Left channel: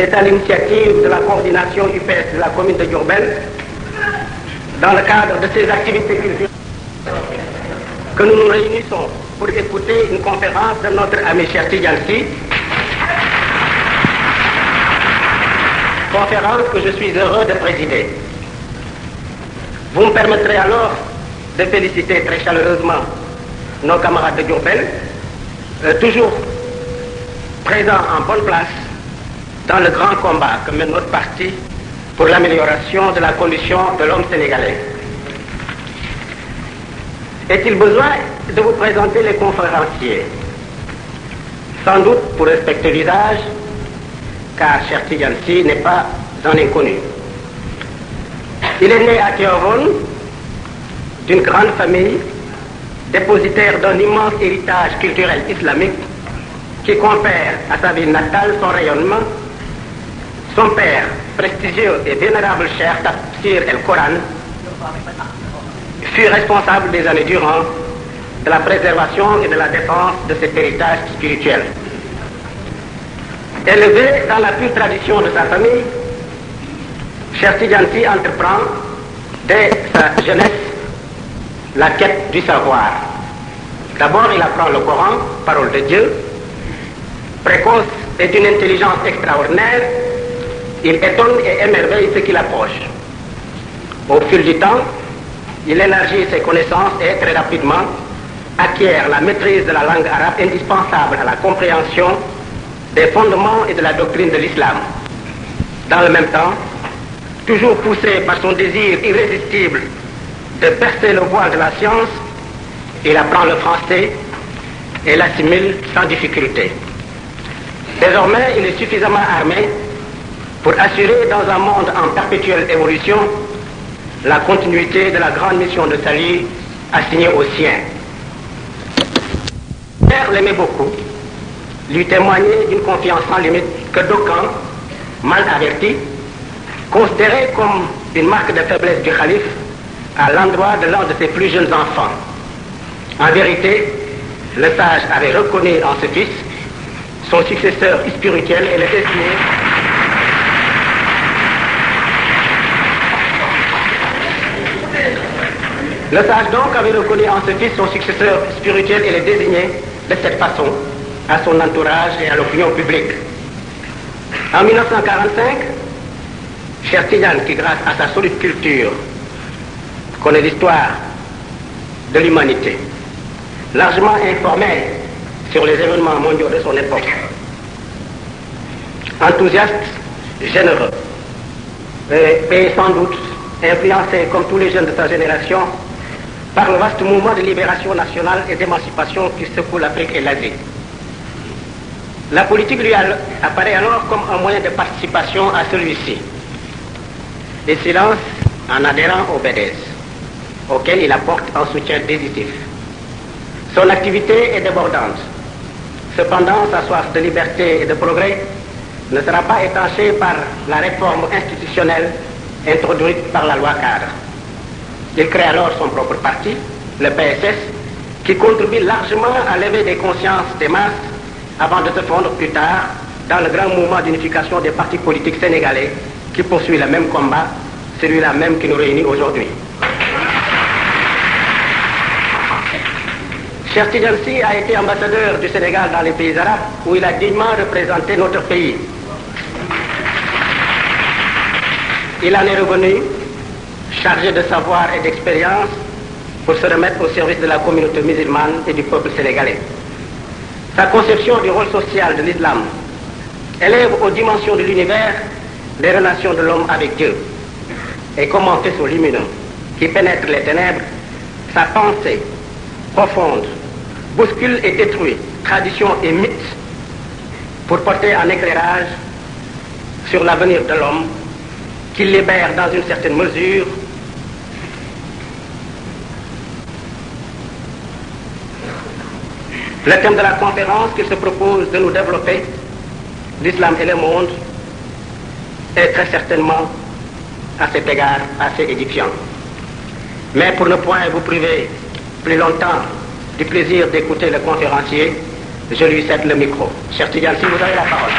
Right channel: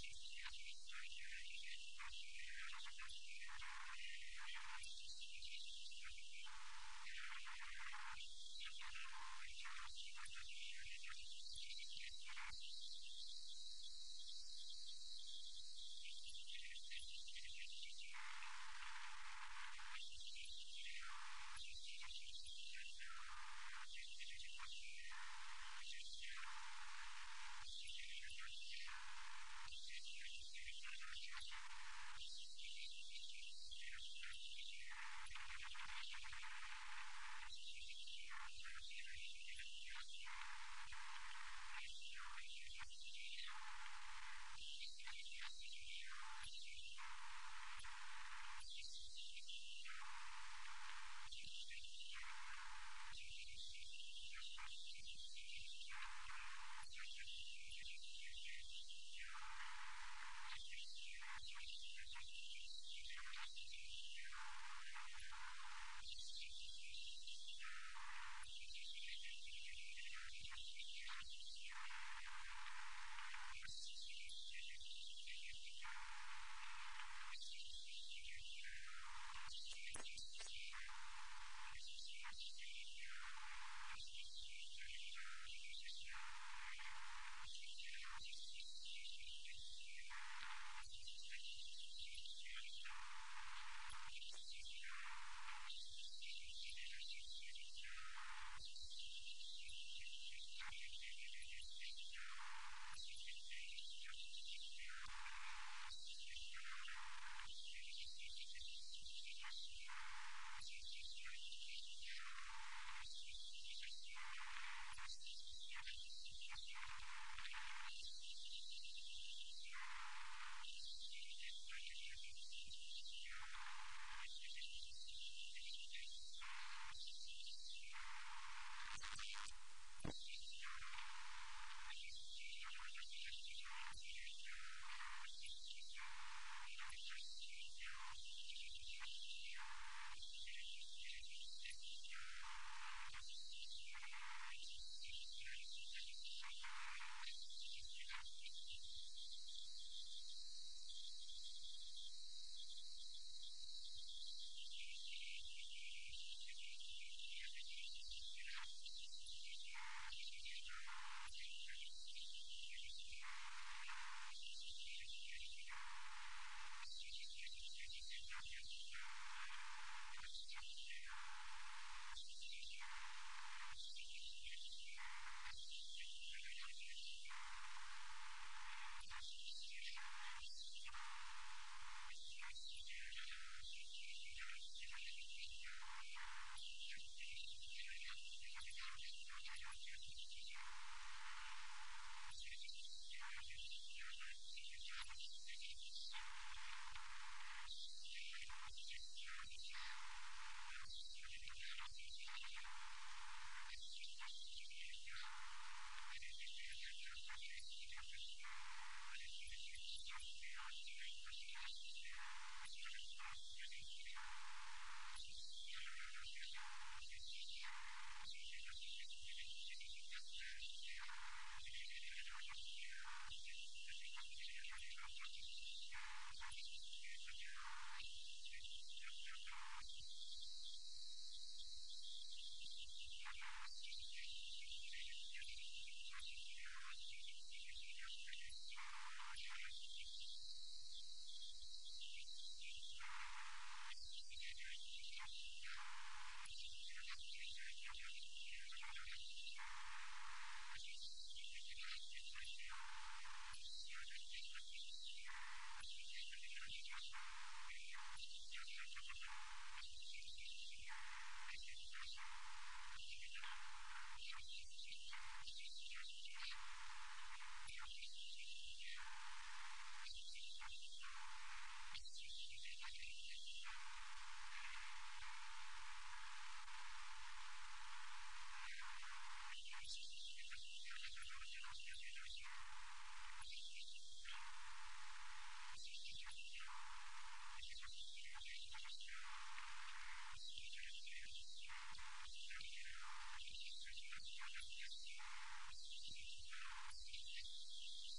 C'est à l'initiative de la coordination UPS de la commune de Diourbel, dans le cadre de ces activités culturelles, que nous nous réunissons pour écouter une conférence de notre ami Cheikh Tidiane Sy, conférence que je suis heureux de présider. Vous me permettrez alors de féliciter très chaleureusement nos camarades de Diourbel, toujours présents en bonne place dans le grand combat que mène notre parti pour l'amélioration de la condition de l'homme sénégalais. Est-il besoin de vous présenter les conférenciers? Sans doute pour respecter l'usage, car Cheikh Tidiane Sy n'est pas un inconnu. Il est né à Tivaouane d'une grande famille, dépositaire d'un immense héritage culturel islamique qui confère à sa ville natale son rayonnement. Son père, prestigieux et vénérable Cheikh Tafsir el-Coran, fut responsable des années durant de la préservation et de la défense de cet héritage spirituel. Élevé dans la pure tradition de sa famille, Cheikh Tidiane Sy entreprend dès sa jeunesse la quête du savoir. D'abord, il apprend le Coran, parole de Dieu. Précoce et d'une intelligence extraordinaire, il étonne et émerveille ceux qui l'approchent. Au fil du temps, il élargit ses connaissances et très rapidement acquiert la maîtrise de la langue arabe indispensable à la compréhension des fondements et de la doctrine de l'islam. Dans le même temps, toujours poussé par son désir irrésistible de percer le voile de la science, il apprend le français et l'assimile sans difficulté. Désormais, il est suffisamment armé pour assurer dans un monde en perpétuelle évolution la continuité de la grande mission de salut assignée aux siens. Père l'aimait beaucoup, lui témoignait d'une confiance sans limite que d'aucuns, mal avertis, considéraient comme une marque de faiblesse du calife à l'endroit de l'un de ses plus jeunes enfants. En vérité, le sage avait reconnu en ce fils son successeur spirituel et le destiné Le sage donc avait reconnu en ce fils son successeur spirituel et le désigné de cette façon à son entourage et à l'opinion publique. En 1945, Cheikh Tidiane, qui grâce à sa solide culture connaît l'histoire de l'humanité, largement informé sur les événements mondiaux de son époque, enthousiaste, généreux, et sans doute influencé comme tous les jeunes de sa génération par le vaste mouvement de libération nationale et d'émancipation qui secoue l'Afrique et l'Asie. La politique lui apparaît alors comme un moyen de participation à celui-ci. Il s'y lance en adhérant au BDS, auquel il apporte un soutien décisif. Son activité est débordante. Cependant, sa soif de liberté et de progrès ne sera pas étanchée par la réforme institutionnelle introduite par la loi cadre. Il crée alors son propre parti, le PSS, qui contribue largement à lever des consciences des masses avant de se fondre plus tard dans le grand mouvement d'unification des partis politiques sénégalais qui poursuit le même combat, celui-là même qui nous réunit aujourd'hui. Cheikh Tidiane Sy a été ambassadeur du Sénégal dans les pays arabes où il a dignement représenté notre pays. Il en est revenu chargé de savoir et d'expérience pour se remettre au service de la communauté musulmane et du peuple sénégalais. Sa conception du rôle social de l'islam élève aux dimensions de l'univers les relations de l'homme avec Dieu. Et comme un faisceau lumineux qui pénètre les ténèbres, sa pensée profonde bouscule et détruit traditions et mythes pour porter un éclairage sur l'avenir de l'homme qui libère dans une certaine mesure le thème de la conférence qu'il se propose de nous développer, l'islam et le monde, est très certainement à cet égard assez édifiant. Mais pour ne point vous priver plus longtemps du plaisir d'écouter le conférencier, je lui cède le micro. Cheikh Tidiane Sy, vous avez la parole.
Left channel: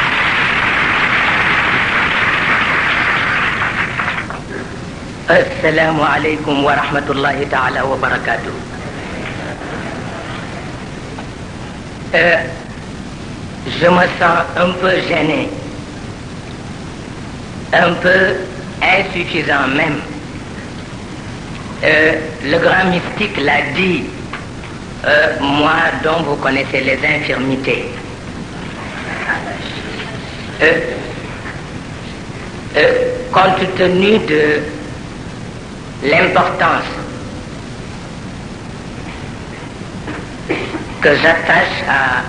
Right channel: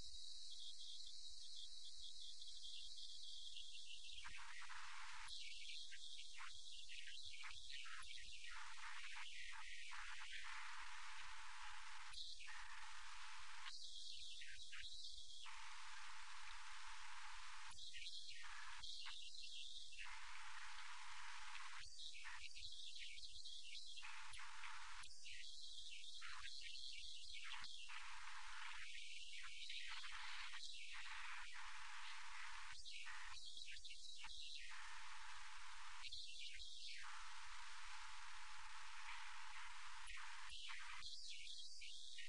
Assalamu alaikum wa rahmatullahi ta'ala wa barakatuh. Je me sens un peu gêné, un peu insuffisant même. Le grand mystique l'a dit, moi dont vous connaissez les infirmités. Compte tenu de l'importance que j'attache à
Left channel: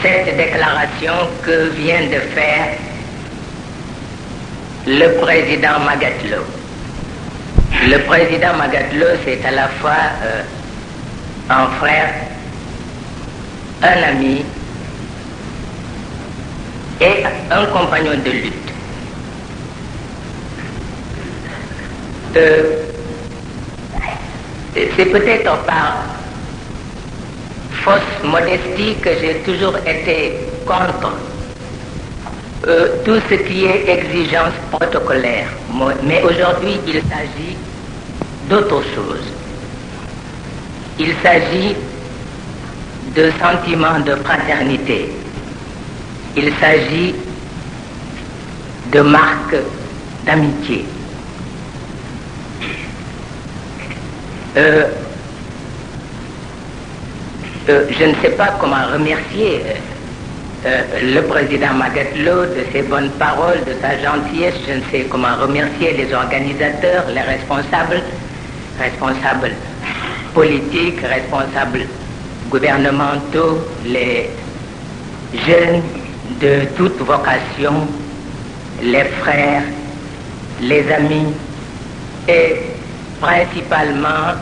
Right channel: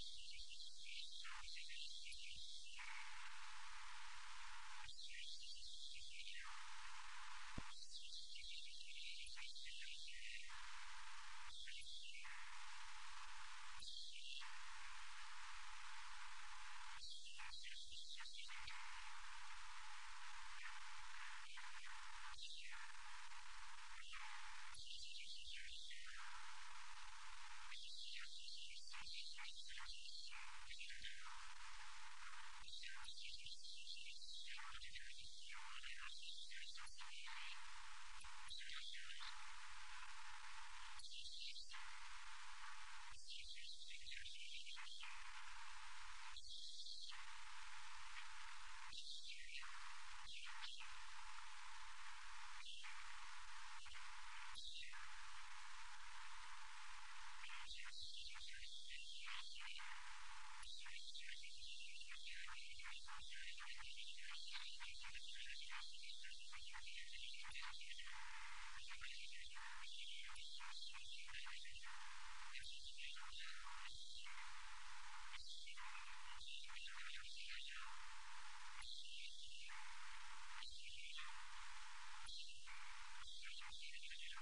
cette déclaration que vient de faire le président Magatlo. Le président Magatlo, c'est à la fois un frère, un ami et un compagnon de lutte. C'est peut-être par fausse modestie que j'ai toujours été contre tout ce qui est exigence protocolaire. Mais aujourd'hui, il s'agit d'autre chose. Il s'agit de sentiments de fraternité. Il s'agit de marques d'amitié. Je ne sais pas comment remercier le président Magatlo de ses bonnes paroles, de sa gentillesse. Je ne sais comment remercier les organisateurs, les responsables politiques, responsables gouvernementaux, les jeunes de toute vocation, les frères, les amis et principalement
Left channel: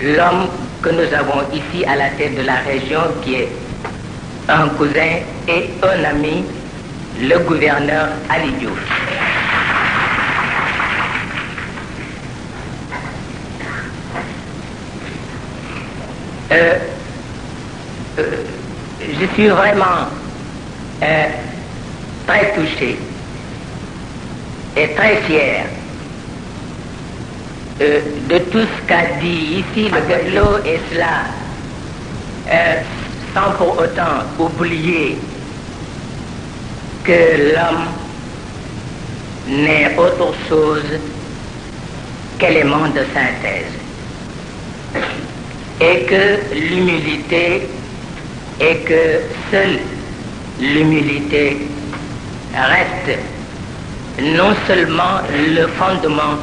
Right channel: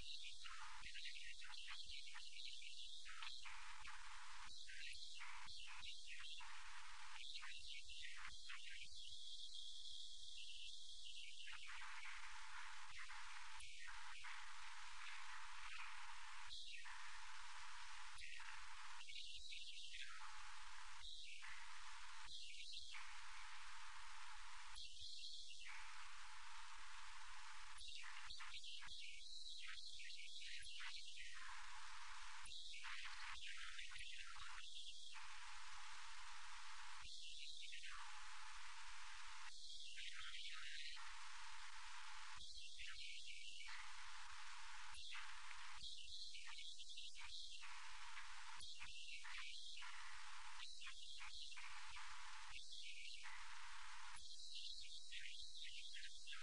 l'homme que nous avons ici à la tête de la région qui est un cousin et un ami, le gouverneur Ali Diouf. Je suis vraiment très touché et très fier de tout ce qu'a dit ici Magatlo, et cela sans pour autant oublier que l'homme n'est autre chose qu'élément de synthèse et que l'humilité et que seule l'humilité reste non seulement le fondement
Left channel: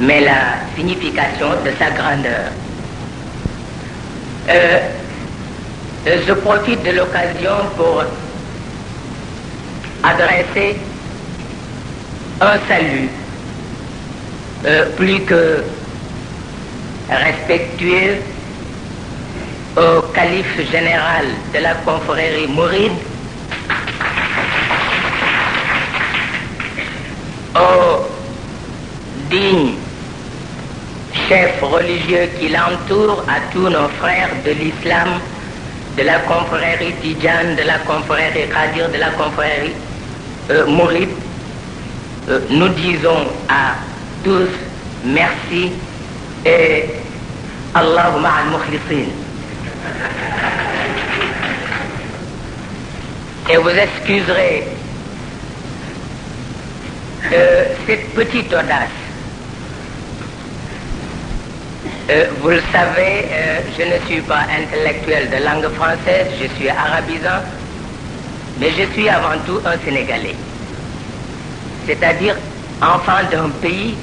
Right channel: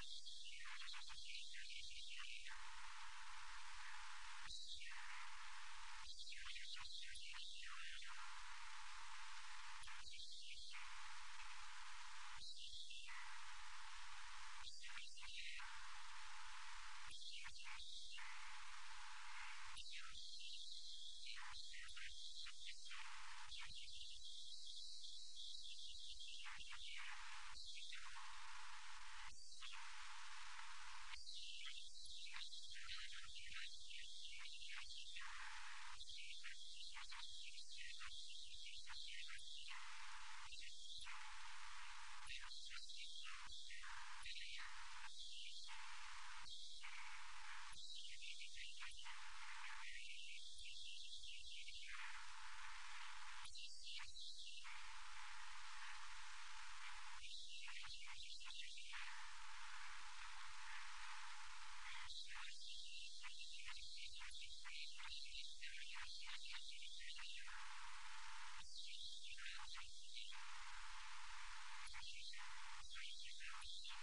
mais la signification de sa grandeur. Je profite de l'occasion pour adresser un salut plus que respectueux au calife général de la confrérie mouride, au digne chef religieux qui l'entoure, à tous nos frères de l'islam, de la confrérie Tidjane, de la confrérie Qadir, de la confrérie mouride. Nous disons à tous merci et Allahumma al-mukhlisin. Et vous excuserez cette petite audace. Vous le savez, je ne suis pas intellectuel de langue française, je suis arabisant, mais je suis avant tout un Sénégalais. C'est-à-dire enfant d'un pays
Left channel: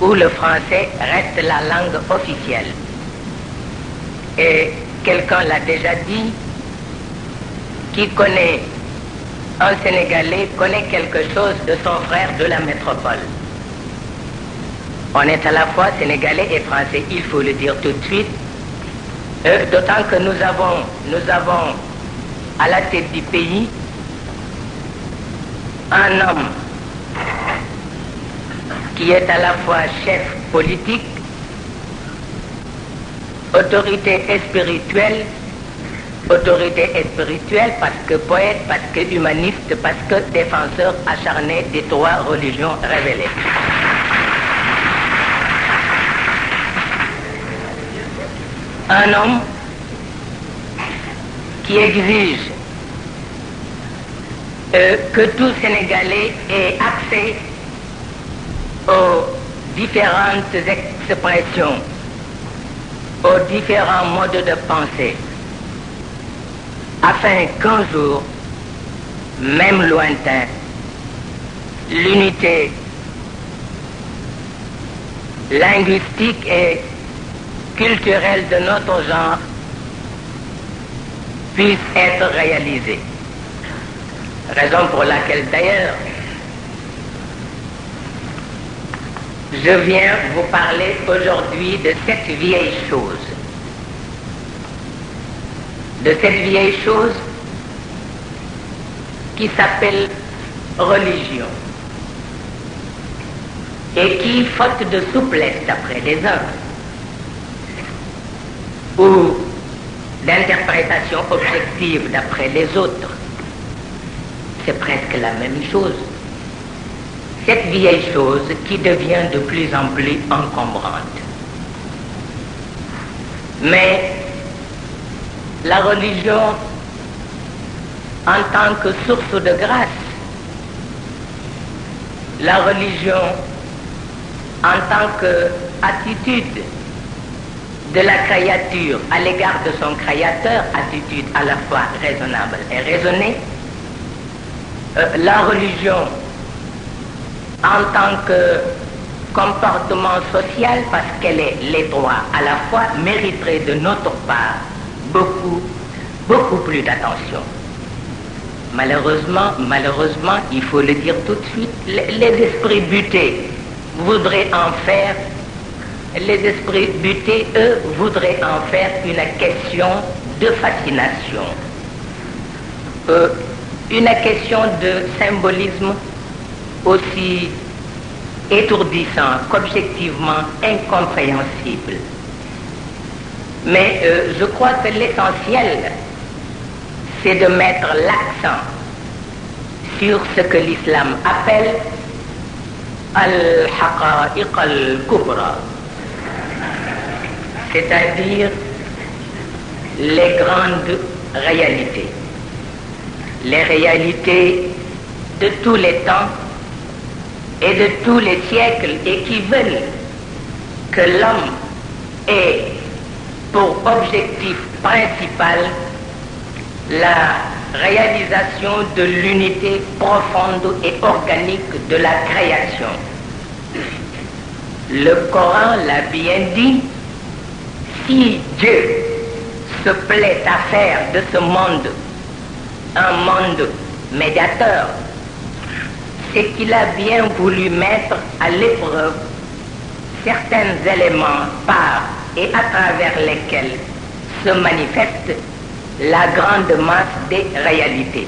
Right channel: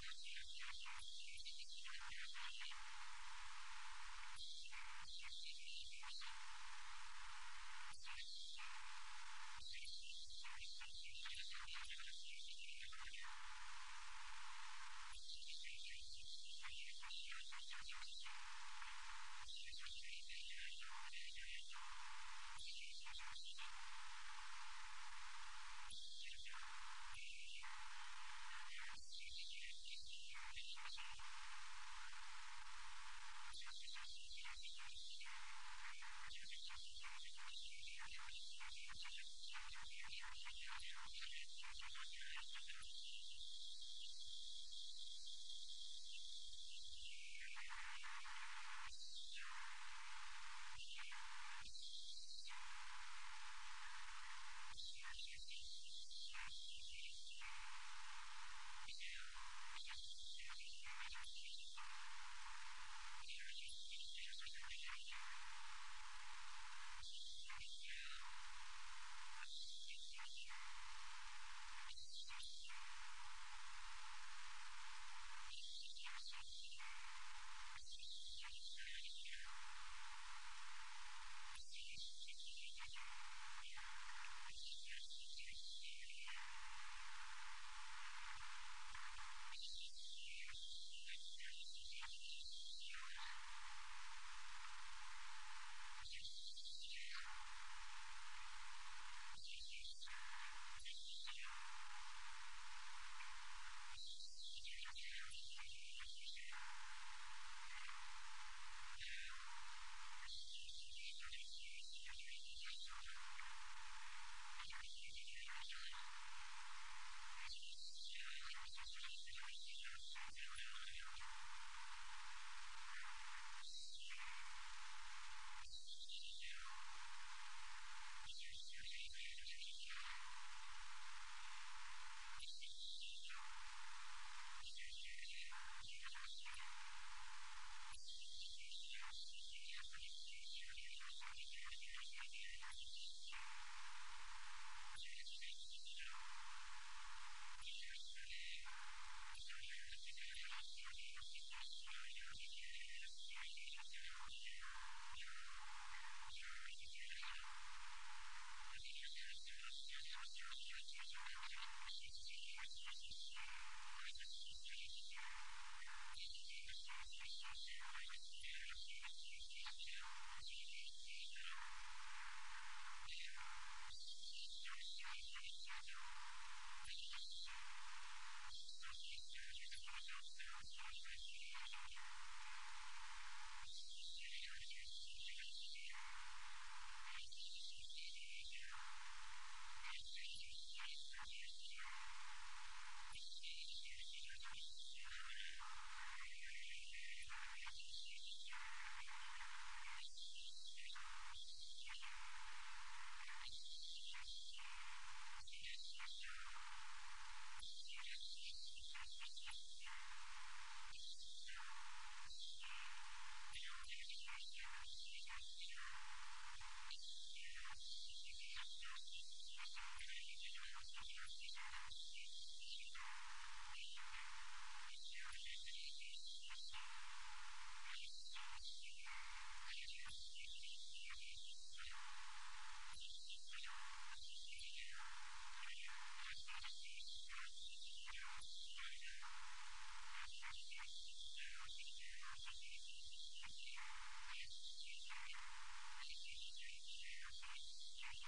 où le français reste la langue officielle. Et quelqu'un l'a déjà dit, qui connaît un Sénégalais connaît quelque chose de son frère de la métropole. On est à la fois sénégalais et français, il faut le dire tout de suite. D'autant que nous avons à la tête du pays un homme qui est à la fois chef politique, autorité spirituelle autorité spirituelle, parce que poète, parce que humaniste, parce que défenseur acharné des trois religions révélées. Un homme qui exige que tout Sénégalais ait accès aux différentes expressions, aux différents modes de pensée, afin qu'un jour, même lointain, l'unité linguistique et culturelle de notre genre puisse être réalisée. Raison pour laquelle d'ailleurs je viens vous parler aujourd'hui de cette vieille chose. De cette vieille chose qui s'appelle religion et qui, faute de souplesse d'après les uns ou d'interprétation objective d'après les autres, c'est presque la même chose. Cette vieille chose qui devient de plus en plus encombrante. Mais la religion, en tant que source de grâce, la religion en tant qu'attitude de la créature à l'égard de son créateur, attitude à la fois raisonnable et raisonnée, la religion en tant que comportement social, parce qu'elle est les trois à la fois, mériterait de notre part beaucoup plus d'attention. Malheureusement, il faut le dire tout de suite, les esprits butés voudraient en faire, les esprits butés, eux, voudraient en faire une question de fascination, une question de symbolisme aussi étourdissant qu'objectivement incompréhensible. Mais je crois que l'essentiel, c'est de mettre l'accent sur ce que l'islam appelle al-haqa'iq al-kubra, c'est-à-dire les grandes réalités, les réalités de tous les temps et de tous les siècles, et qui veulent que l'homme ait pour objectif principal la réalisation de l'unité profonde et organique de la création. Le Coran l'a bien dit, si Dieu se plaît à faire de ce monde un monde médiateur, c'est qu'il a bien voulu mettre à l'épreuve certains éléments par et à travers lesquels se manifeste la grande masse des réalités.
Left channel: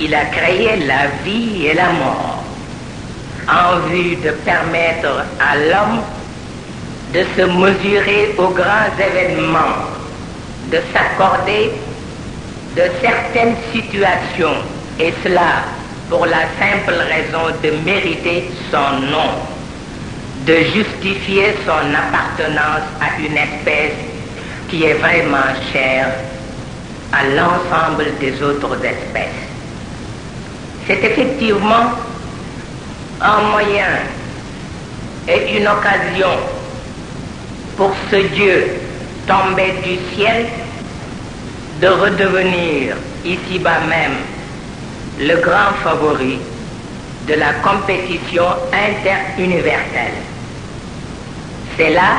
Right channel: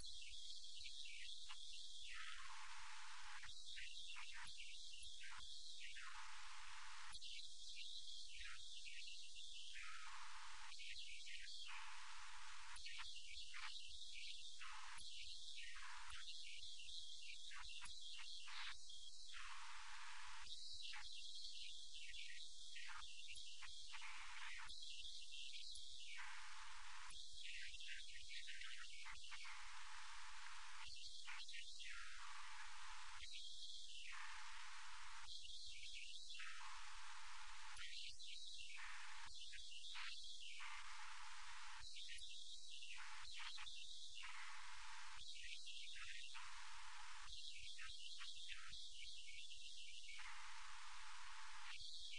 Il a créé la vie et la mort en vue de permettre à l'homme de se mesurer aux grands événements, de s'accorder de certaines situations, et cela pour la simple raison de mériter son nom, de justifier son appartenance à une espèce qui est vraiment chère à l'ensemble des autres espèces. C'est effectivement un moyen et une occasion pour ce Dieu tombé du ciel de redevenir ici-bas même le grand favori de la compétition interuniverselle. C'est là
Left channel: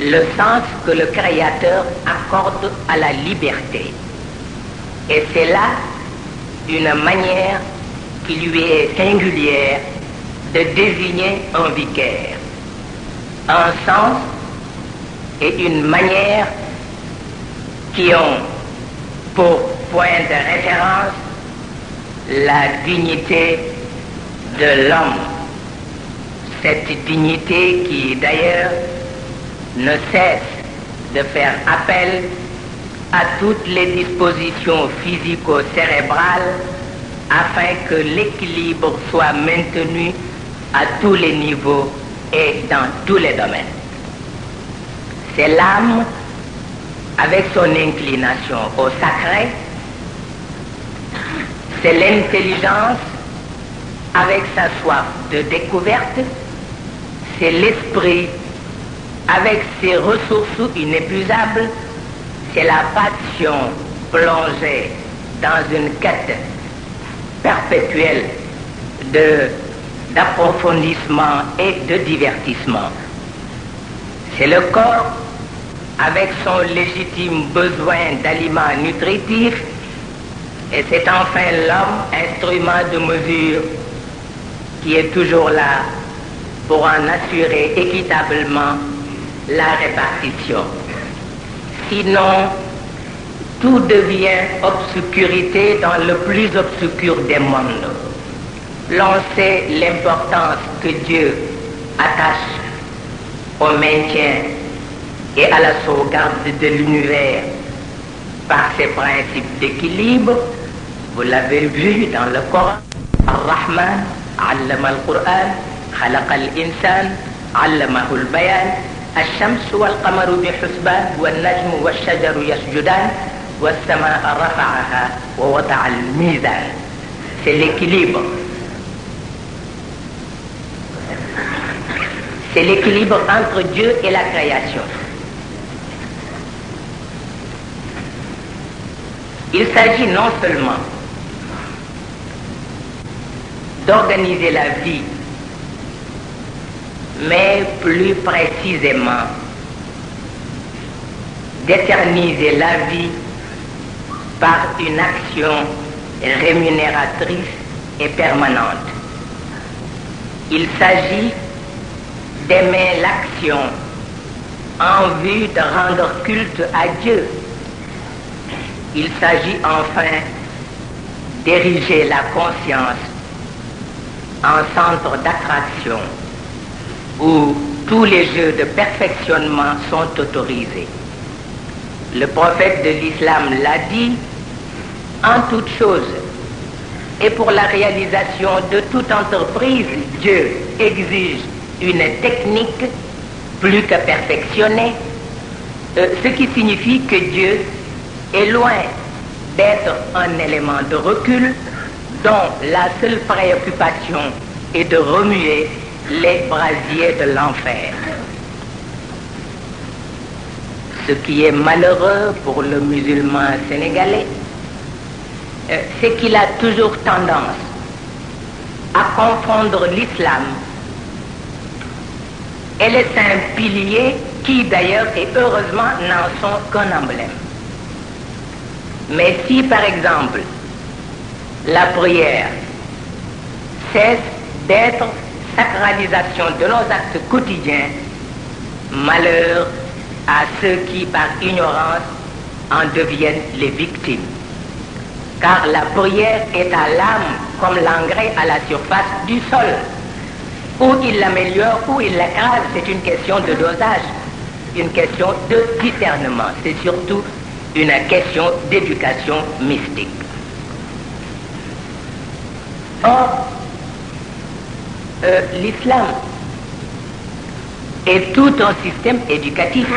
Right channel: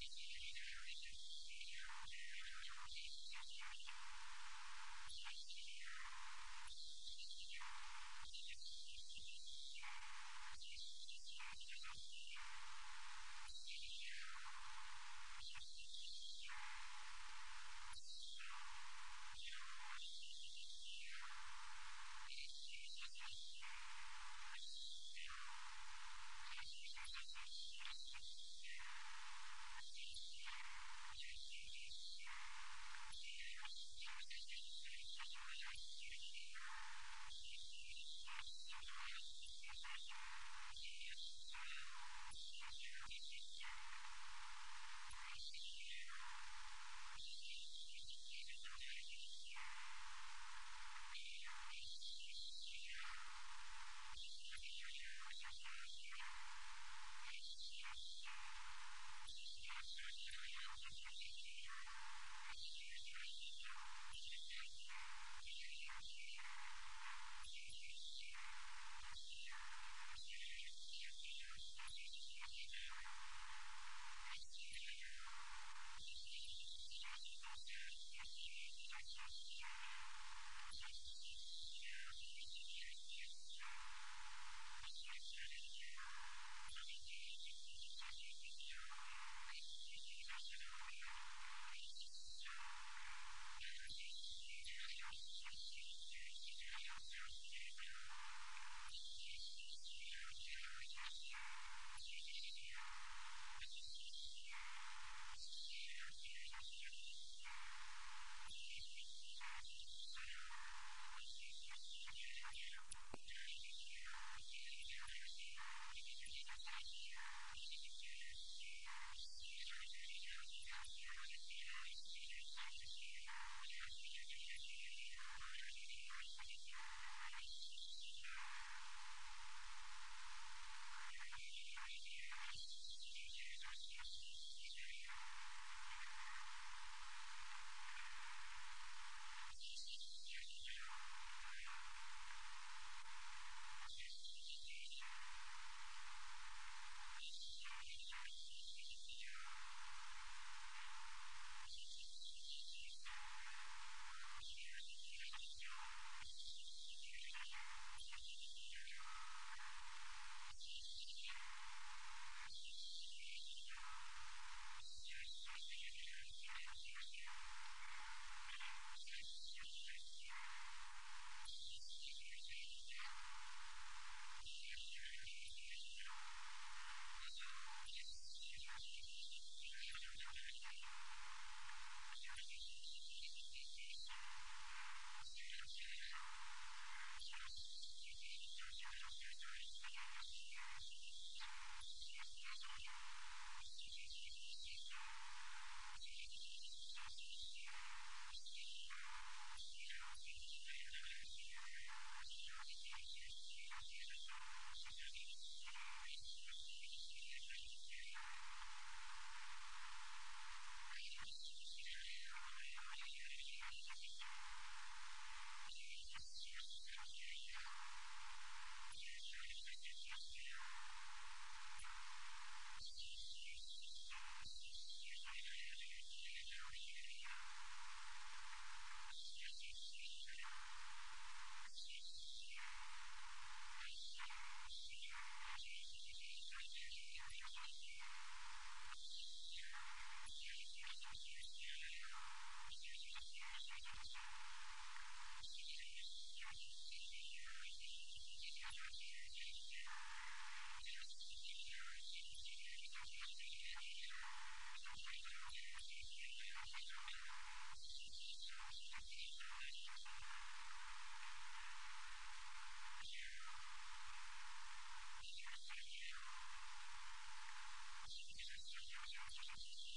le sens que le Créateur accorde à la liberté. Et c'est là une manière qui lui est singulière de désigner un vicaire. Un sens et une manière qui ont pour point de référence la dignité de l'homme. Cette dignité qui d'ailleurs ne cesse de faire appel à toutes les dispositions physico-cérébrales afin que l'équilibre soit maintenu à tous les niveaux et dans tous les domaines. C'est l'âme avec son inclination au sacré, c'est l'intelligence avec sa soif de découverte, c'est l'esprit avec ses ressources inépuisables, c'est la passion plongée dans une quête perpétuelle d'approfondissement et de divertissement. C'est le corps avec son légitime besoin d'aliments nutritifs et c'est enfin l'homme, instrument de mesure, qui est toujours là pour en assurer équitablement la répartition. Sinon, tout devient obscurité dans le plus obscur des mondes. L'on sait l'importance que Dieu attache au maintien et à la sauvegarde de l'univers par ses principes d'équilibre. Vous l'avez vu dans le Coran. Ar-Rahman, allama al-Qur'an, khalaqa al-insan, allamahu al-bayan, الشمس والقمر بحسبان والنجم والشجر يسجدان والسماء رفعها ووضع الميزان. C'est l'équilibre. C'est l'équilibre entre Dieu et la création. Il s'agit non seulement d'organiser la vie, mais plus précisément d'éterniser la vie par une action rémunératrice et permanente. Il s'agit d'aimer l'action en vue de rendre culte à Dieu. Il s'agit enfin d'ériger la conscience en centre d'attraction où tous les jeux de perfectionnement sont autorisés. Le prophète de l'islam l'a dit, en toute chose, et pour la réalisation de toute entreprise, Dieu exige une technique plus que perfectionnée, ce qui signifie que Dieu est loin d'être un élément de recul dont la seule préoccupation est de remuer les brasiers de l'enfer. Ce qui est malheureux pour le musulman sénégalais, c'est qu'il a toujours tendance à confondre l'islam et les saints piliers qui d'ailleurs et heureusement n'en sont qu'un emblème. Mais si par exemple la prière cesse d'être sacralisation de nos actes quotidiens, malheur à ceux qui par ignorance en deviennent les victimes. Car la prière est à l'âme comme l'engrais à la surface du sol. Ou il l'améliore, ou il l'écrase, c'est une question de dosage, une question de discernement, c'est surtout une question d'éducation mystique. Or, l'islam est tout un système éducatif,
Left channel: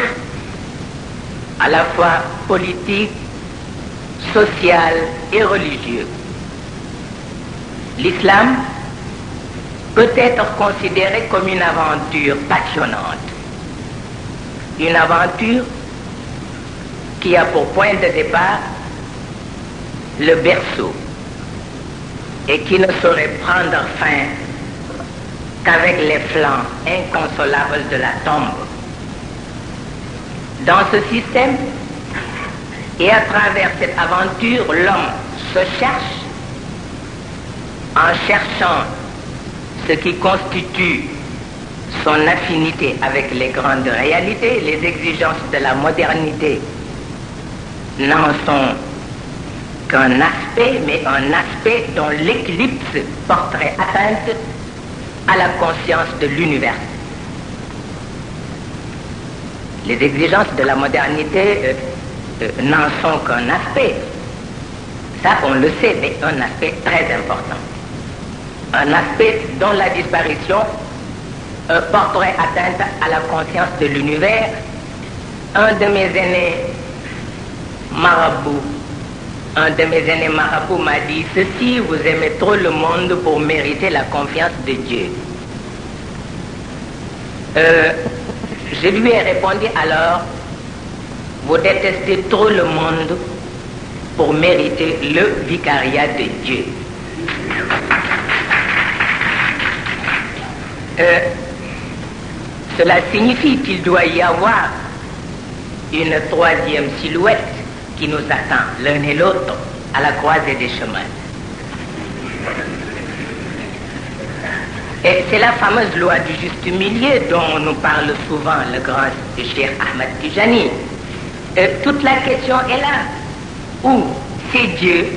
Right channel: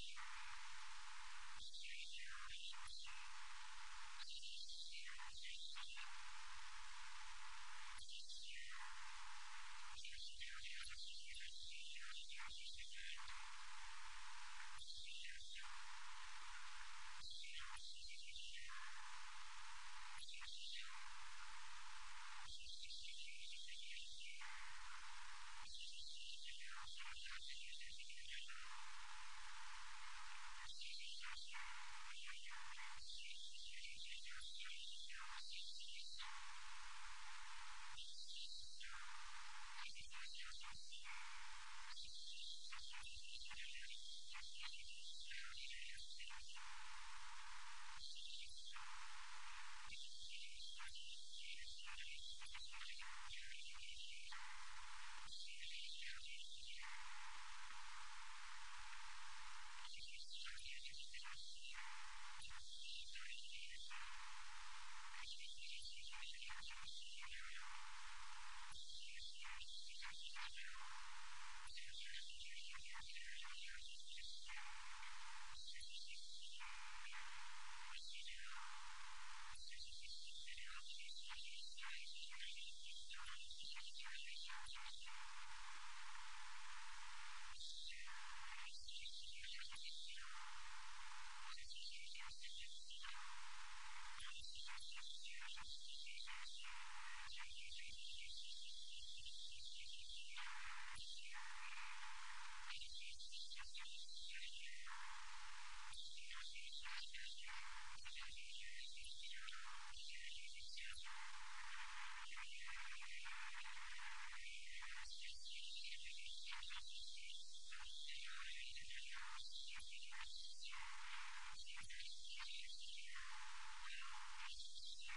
à la fois politique, social et religieux. L'islam peut être considéré comme une aventure passionnante, une aventure qui a pour point de départ le berceau et qui ne saurait prendre fin qu'avec les flancs inconsolables de la tombe. Dans ce système et à travers cette aventure, l'homme se cherche en cherchant ce qui constitue son affinité avec les grandes réalités. Les exigences de la modernité n'en sont qu'un aspect, mais un aspect dont l'éclipse porterait atteinte à la conscience de l'univers. Les exigences de la modernité n'en sont qu'un aspect. Ça, on le sait, mais un aspect très important. Un aspect dont la disparition porterait atteinte à la conscience de l'univers. Un de mes aînés marabouts m'a dit ceci: vous aimez trop le monde pour mériter la confiance de Dieu. Je lui ai répondu alors: vous détestez trop le monde pour mériter le vicariat de Dieu. Cela signifie qu'il doit y avoir une troisième silhouette qui nous attend, l'un et l'autre, à la croisée des chemins. Et c'est la fameuse loi du juste milieu dont nous parle souvent le grand Cheikh Ahmed Tijani. Toute la question est là, où c'est Dieu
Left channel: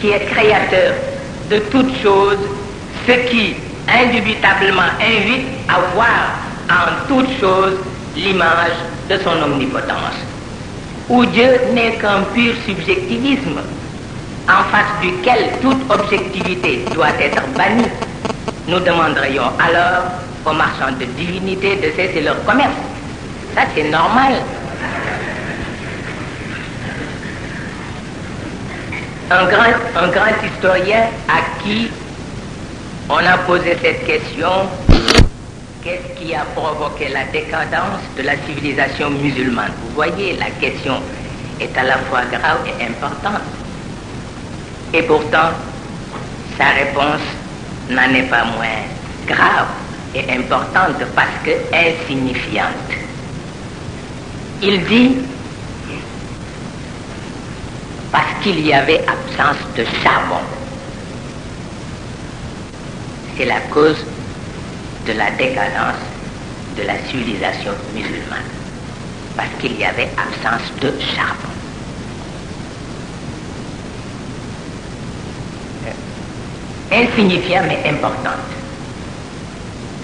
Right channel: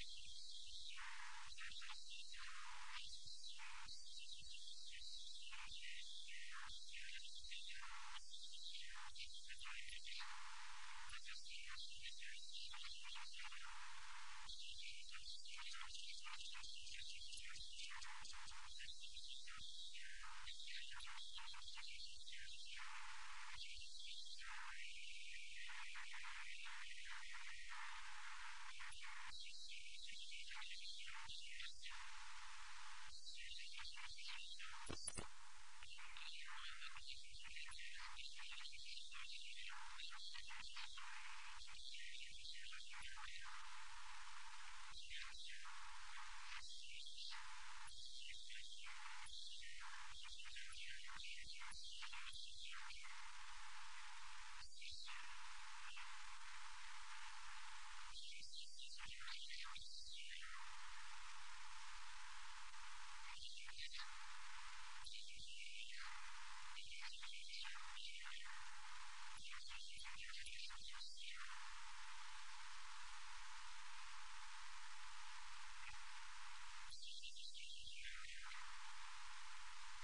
qui est créateur de toutes choses, ce qui indubitablement invite à voir en toutes choses l'image de son omnipotence, où Dieu n'est qu'un pur subjectivisme, en face duquel toute objectivité doit être bannie. Nous demanderions alors aux marchands de divinité de cesser leur commerce. Ça, c'est normal. Un grand historien à qui on a posé cette question: qu'est-ce qui a provoqué la décadence de la civilisation musulmane? Vous voyez, la question est à la fois grave et importante. Et pourtant, sa réponse n'en est pas moins grave et importante parce que insignifiante. Il dit: parce qu'il y avait absence de charbon. C'est la cause de la décadence de la civilisation musulmane. Parce qu'il y avait absence de charbon. Insignifiante mais importante.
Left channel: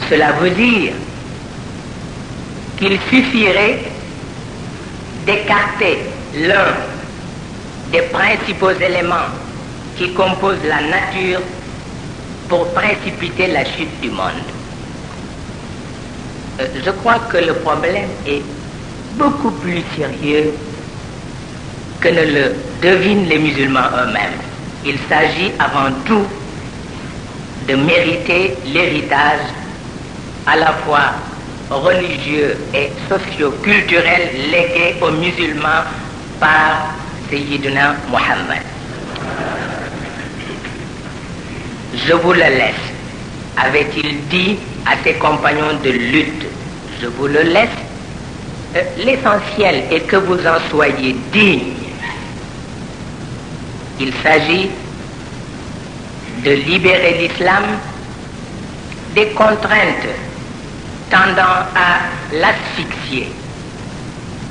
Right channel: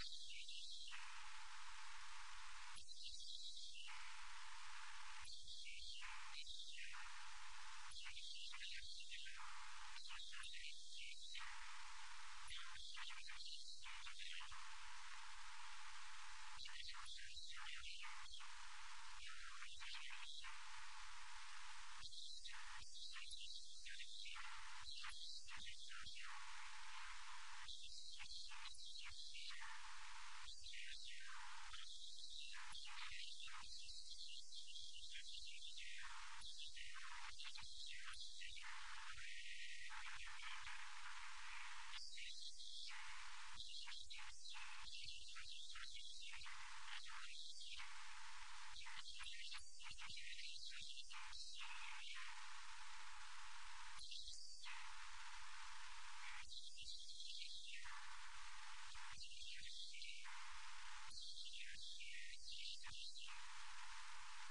Cela veut dire qu'il suffirait d'écarter l'un des principaux éléments qui composent la nature pour précipiter la chute du monde. Je crois que le problème est beaucoup plus sérieux que ne le devinent les musulmans eux-mêmes. Il s'agit avant tout de mériter l'héritage à la fois religieux et socio-culturel légué aux musulmans par Sayyidina Muhammad. Je vous le laisse, avait-il dit à ses compagnons de lutte. Je vous le laisse. L'essentiel est que vous en soyez dignes. Il s'agit de libérer l'islam des contraintes tendant à l'asphyxier.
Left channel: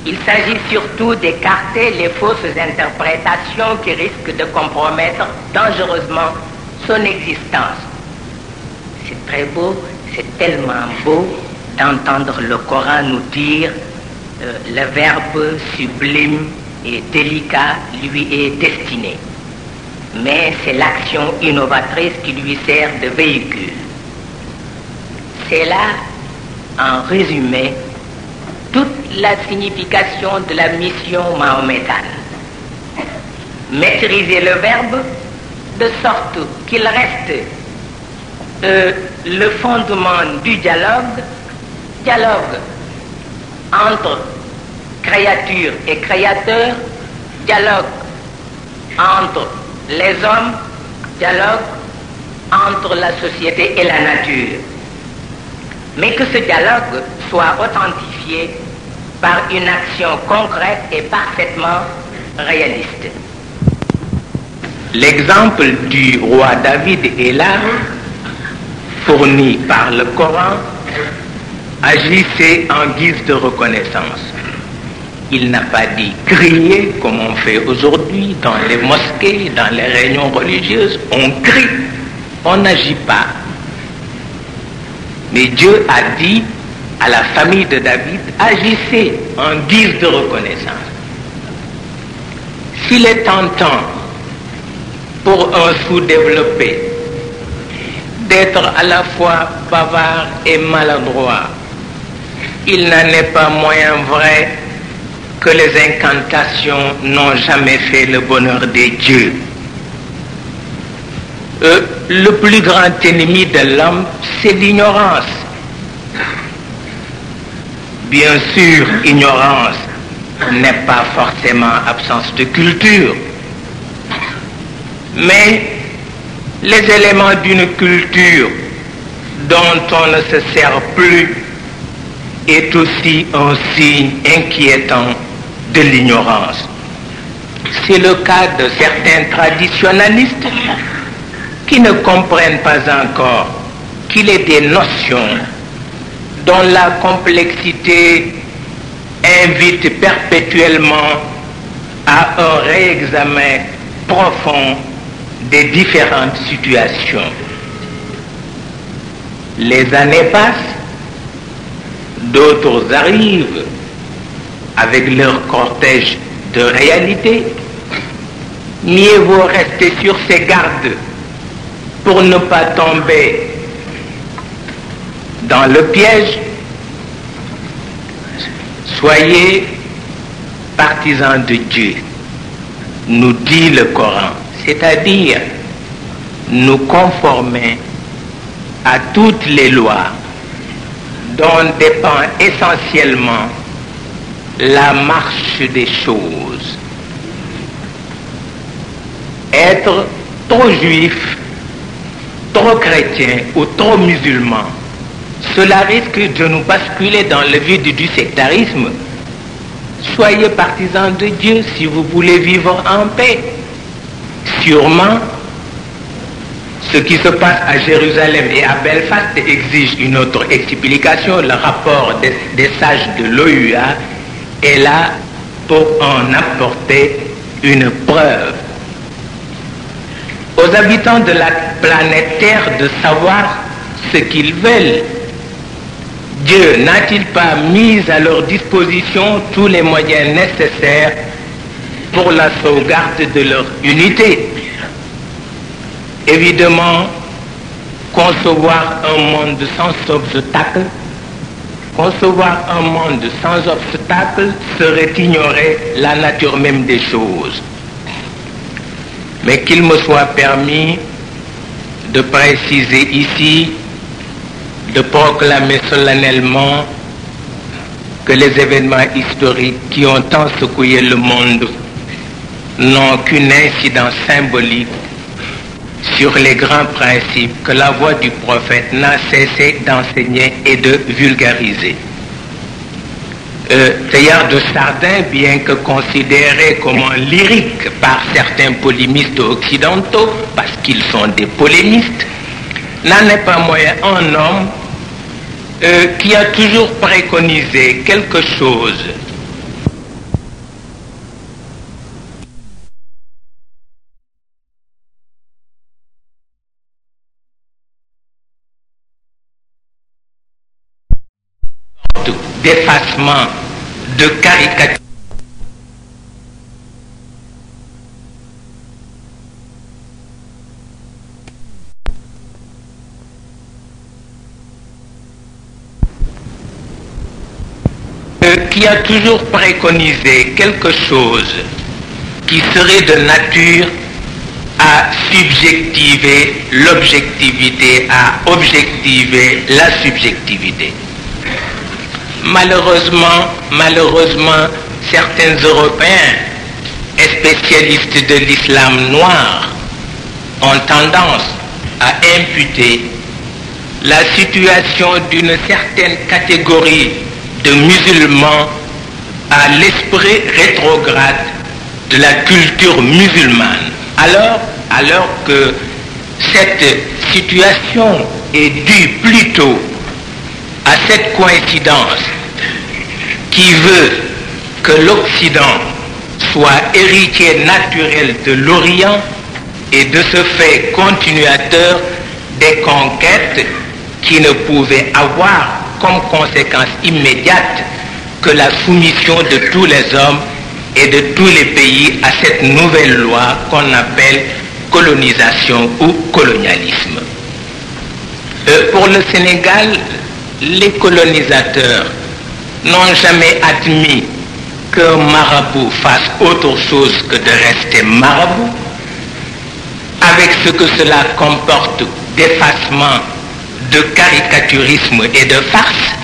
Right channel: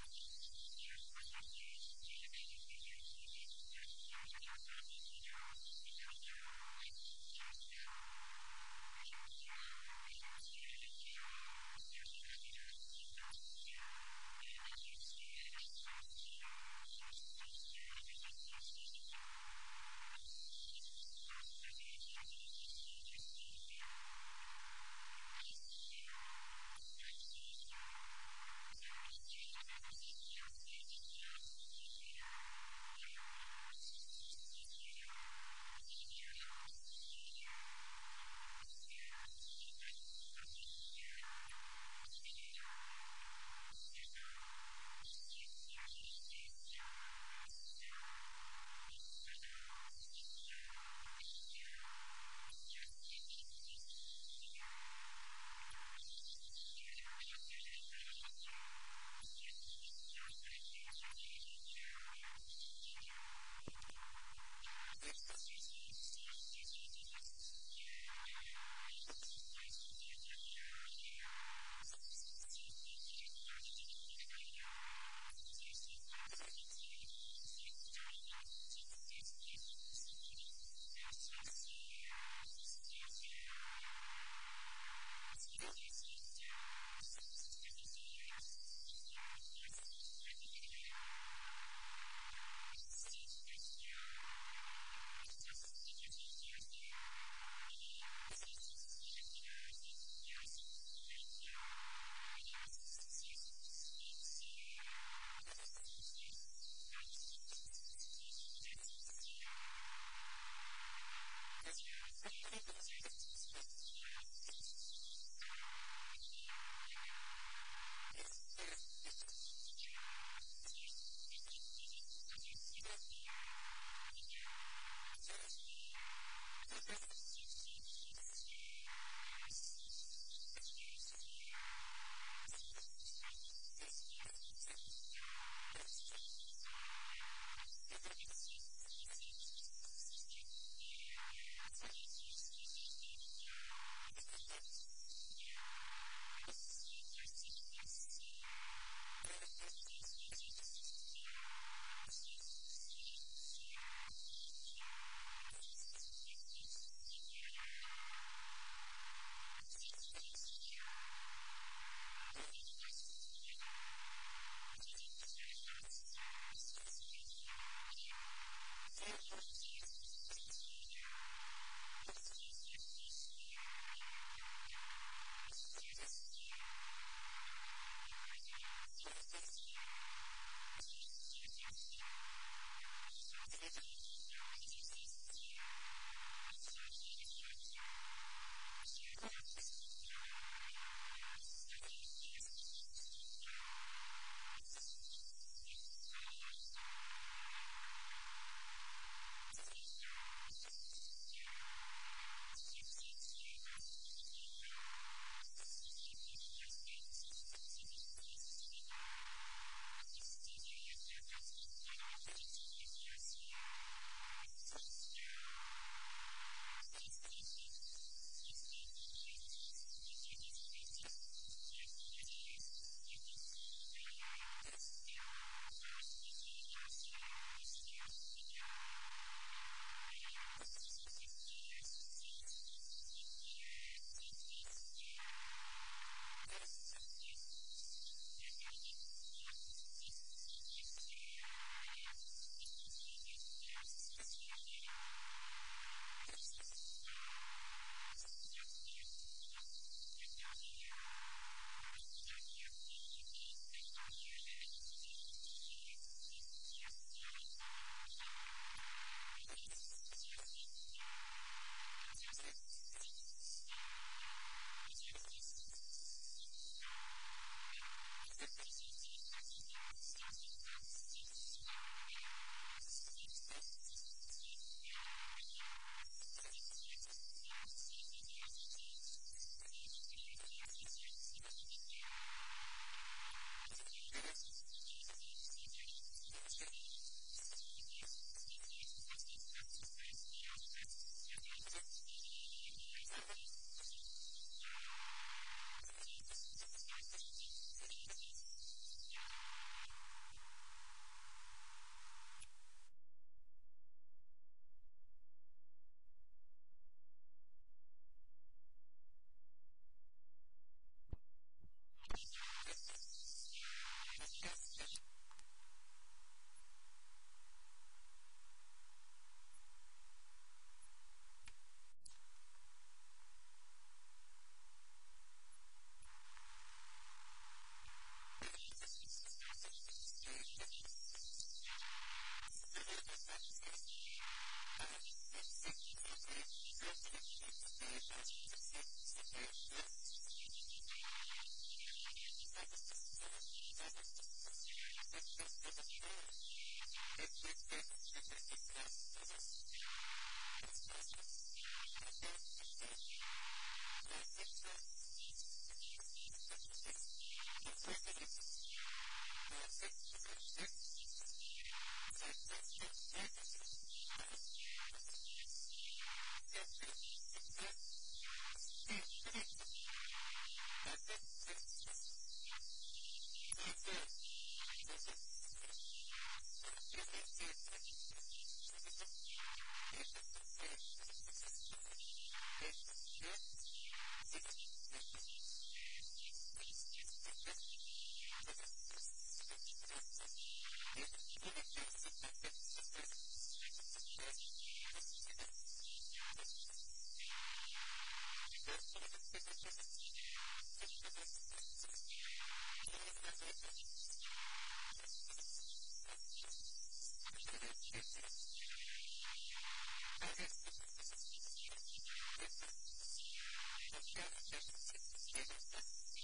Il s'agit surtout d'écarter les fausses interprétations qui risquent de compromettre dangereusement son existence. C'est très beau, c'est tellement beau d'entendre le Coran nous dire le verbe sublime et délicat lui est destiné. Mais c'est l'action innovatrice qui lui sert de véhicule. C'est là, en résumé, toute la signification de la mission mahométane. Maîtriser le verbe de sorte qu'il reste le fondement du dialogue entre créature et créateur, dialogue entre les hommes, dialogue entre la société et la nature. Mais que ce dialogue soit authentifié par une action concrète et parfaitement réaliste. L'exemple du roi David est là, fourni par le Coran, agissait en guise de reconnaissance. Il n'a pas dit crier comme on fait aujourd'hui dans les mosquées, dans les réunions religieuses. On crie, on n'agit pas. Mais Dieu a dit à la famille de David, agissez en guise de reconnaissance. S'il est tentant pour un sous-développé d'être à la fois bavard et maladroit, il n'en est pas moins vrai que les incantations n'ont jamais fait le bonheur des dieux. Le plus grand ennemi de l'homme, c'est l'ignorance. Bien sûr, ignorance n'est pas forcément absence de culture, mais les éléments d'une culture dont on ne se sert plus est aussi un signe inquiétant de l'ignorance. C'est le cas de certains traditionalistes qui ne comprennent pas encore qu'il est des notions dont la complexité invite perpétuellement à un réexamen profond des différentes situations. Les années passent, d'autres arrivent avec leur cortège de réalité. Mieux vaut rester sur ses gardes pour ne pas tomber dans le piège. Soyez partisans de Dieu, nous dit le Coran, c'est-à-dire nous conformer à toutes les lois dont dépend essentiellement la marche des choses. Être trop juif, trop chrétien ou trop musulman, cela risque de nous basculer dans le vide du sectarisme. Soyez partisans de Dieu si vous voulez vivre en paix. Sûrement, ce qui se passe à Jérusalem et à Belfast exige une autre explication. Le rapport des sages de l'OUA est là pour en apporter une preuve. Aux habitants de la planète Terre de savoir ce qu'ils veulent. Dieu n'a-t-il pas mis à leur disposition tous les moyens nécessaires pour la sauvegarde de leur unité? Évidemment, concevoir un monde sans obstacle, serait ignorer la nature même des choses. Mais qu'il me soit permis de préciser ici, de proclamer solennellement que les événements historiques qui ont tant secoué le monde n'ont qu'une incidence symbolique sur les grands principes que la voix du prophète n'a cessé d'enseigner et de vulgariser. Teilhard de Chardin, bien que considéré comme un lyrique par certains polémistes occidentaux, parce qu'ils sont des polémistes, n'en est pas moins un homme qui a toujours préconisé quelque chose d'effacement, de caricature. Qui a toujours préconisé quelque chose qui serait de nature à subjectiver l'objectivité, à objectiver la subjectivité. Malheureusement, certains Européens et spécialistes de l'islam noir ont tendance à imputer la situation d'une certaine catégorie de musulmans à l'esprit rétrograde de la culture musulmane, alors que cette situation est due plutôt à cette coïncidence qui veut que l'Occident soit héritier naturel de l'Orient et de ce fait continuateur des conquêtes qui ne pouvaient avoir comme conséquence immédiate que la soumission de tous les hommes et de tous les pays à cette nouvelle loi qu'on appelle colonisation ou colonialisme. Pour le Sénégal, les colonisateurs n'ont jamais admis qu'un marabout fasse autre chose que de rester marabout, avec ce que cela comporte d'effacement, de caricaturisme et de farce.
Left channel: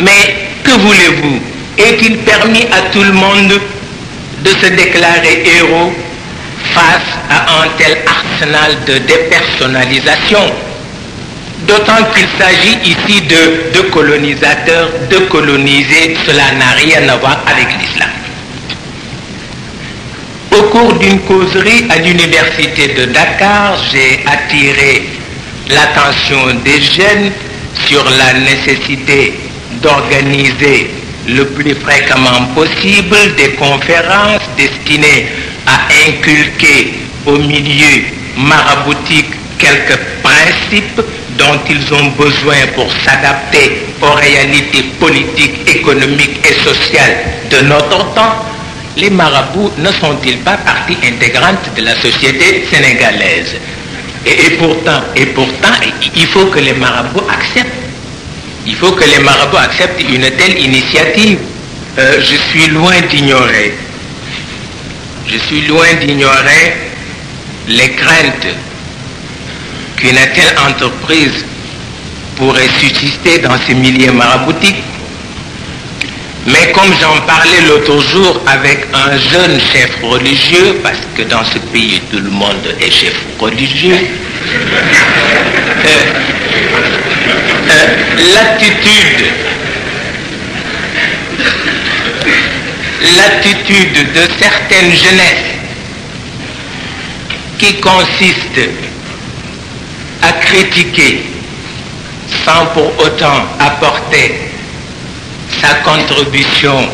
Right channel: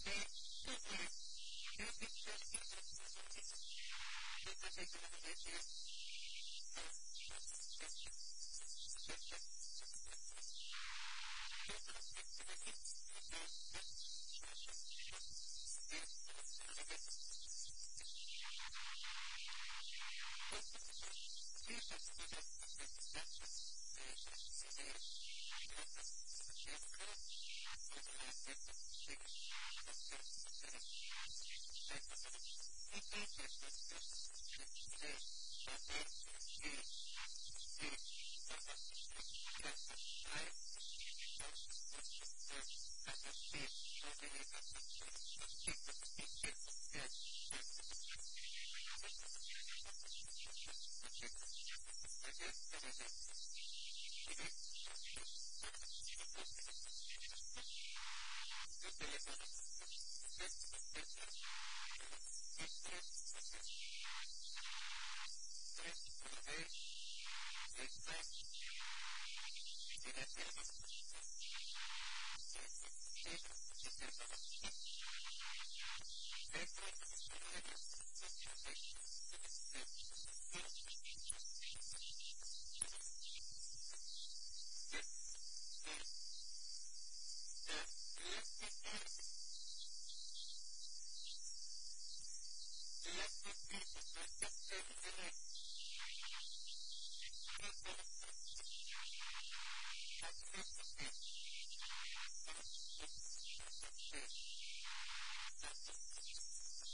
Mais que voulez-vous? Est-il permis à tout le monde de se déclarer héros face à un tel arsenal de dépersonnalisation? D'autant qu'il s'agit ici de colonisateurs, de colonisés, cela n'a rien à voir avec l'islam. Au cours d'une causerie à l'université de Dakar, j'ai attiré l'attention des jeunes sur la nécessité d'organiser le plus fréquemment possible des conférences destinées à inculquer au milieu maraboutique quelques principes dont ils ont besoin pour s'adapter aux réalités politiques, économiques et sociales de notre temps. Les marabouts ne sont-ils pas partie intégrante de la société sénégalaise? Et pourtant, il faut que les marabouts acceptent. Il faut que les marabouts acceptent une telle initiative. Je suis loin d'ignorer les craintes qu'une telle entreprise pourrait susciter dans ces milieux maraboutiques. Mais comme j'en parlais l'autre jour avec un jeune chef religieux, parce que dans ce pays tout le monde est chef religieux, l'attitude de certaines jeunesses qui consiste à critiquer sans pour autant apporter sa contribution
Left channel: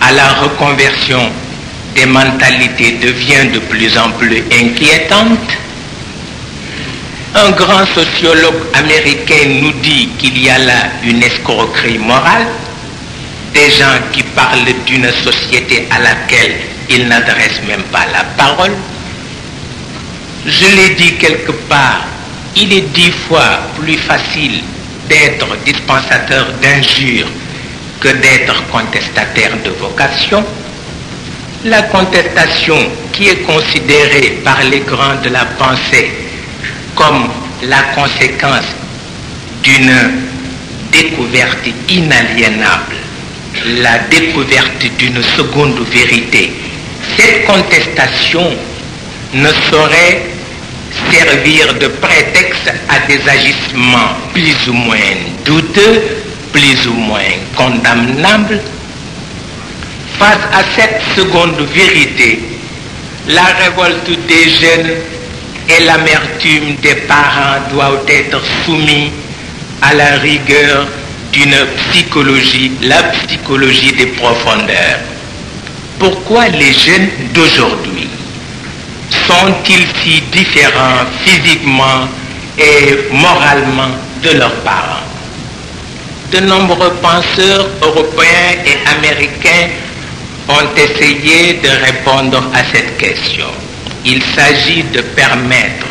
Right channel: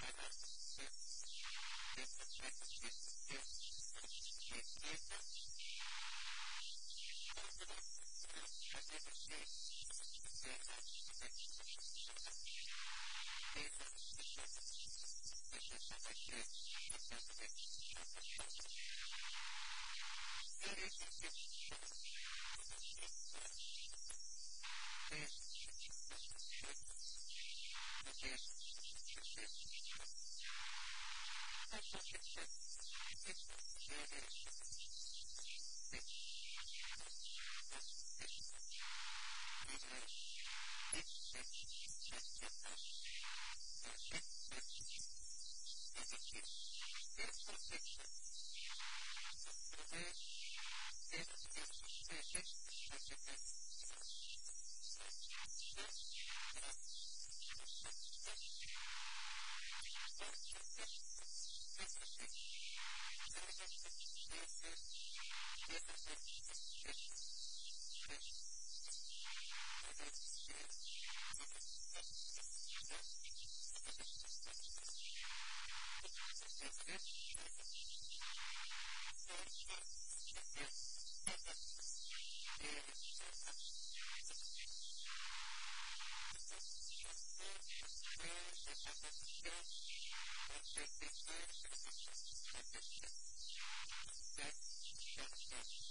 à la reconversion des mentalités devient de plus en plus inquiétante. Un grand sociologue américain nous dit qu'il y a là une escroquerie morale, des gens qui parlent d'une société à laquelle ils n'adressent même pas la parole. Je l'ai dit quelque part, il est 10 fois plus facile d'être dispensateur d'injures que d'être contestataire de vocation. La contestation, qui est considérée par les grands de la pensée comme la conséquence d'une découverte inaliénable, la découverte d'une seconde vérité, cette contestation ne saurait servir de prétexte à des agissements plus ou moins douteux, plus ou moins condamnables. Face à cette seconde vérité, la révolte des jeunes et l'amertume des parents doivent être soumis à la rigueur d'une psychologie, la psychologie des profondeurs. Pourquoi les jeunes d'aujourd'hui sont-ils si différents physiquement et moralement de leurs parents? De nombreux penseurs européens et américains ont essayé de répondre à cette question. Il s'agit de permettre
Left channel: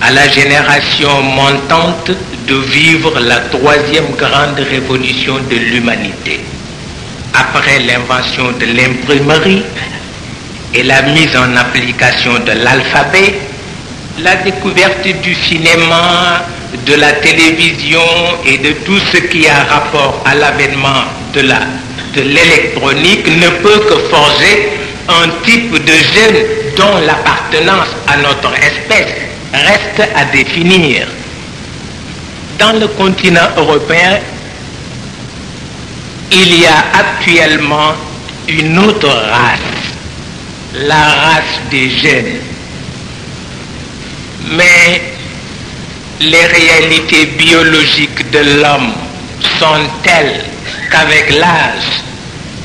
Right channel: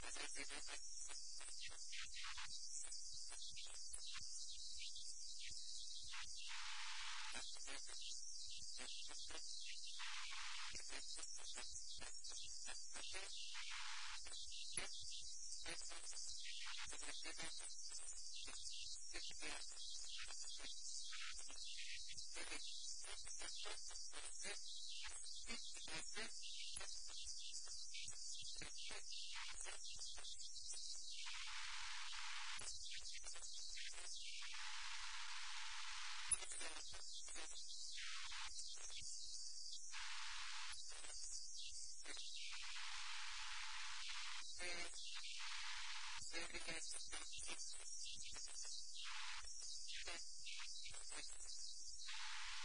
à la génération montante de vivre la troisième grande révolution de l'humanité. Après l'invention de l'imprimerie et la mise en application de l'alphabet, la découverte du cinéma, de la télévision et de tout ce qui a rapport à l'avènement de l'électronique ne peut que forger un type de jeune dont l'appartenance à notre espèce reste à définir. Dans le continent européen, il y a actuellement une autre race, la race des jeunes. Mais les réalités biologiques de l'homme sont telles qu'avec l'âge,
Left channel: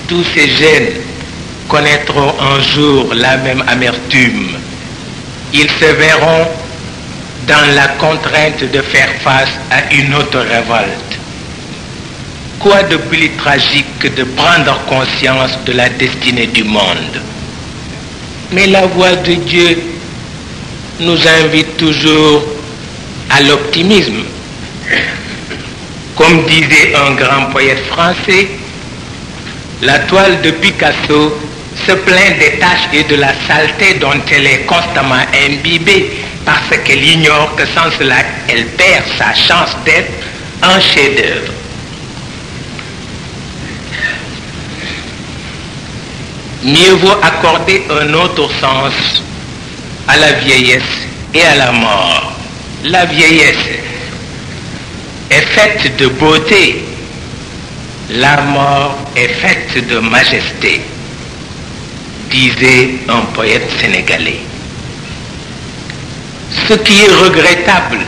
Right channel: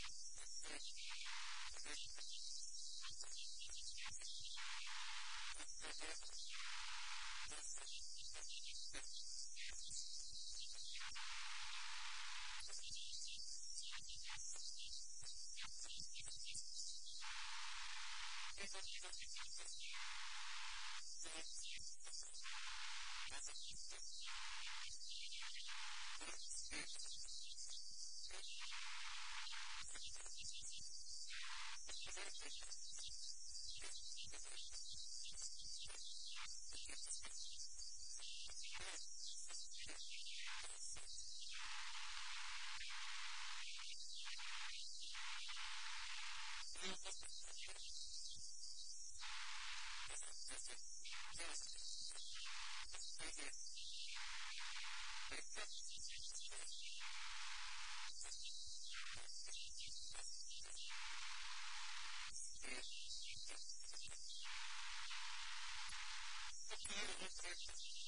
tous ces jeunes connaîtront un jour la même amertume. Ils se verront dans la contrainte de faire face à une autre révolte. quoi de plus tragique que de prendre conscience de la destinée du monde? Mais la voix de Dieu nous invite toujours à l'optimisme. Comme disait un grand poète français, la toile de Picasso se plaint des taches et de la saleté dont elle est constamment imbibée parce qu'elle ignore que sans cela, elle perd sa chance d'être un chef-d'œuvre. Mieux vaut accorder un autre sens à la vieillesse et à la mort. La vieillesse est faite de beauté, la mort est faite de majesté, disait un poète sénégalais. Ce qui est regrettable,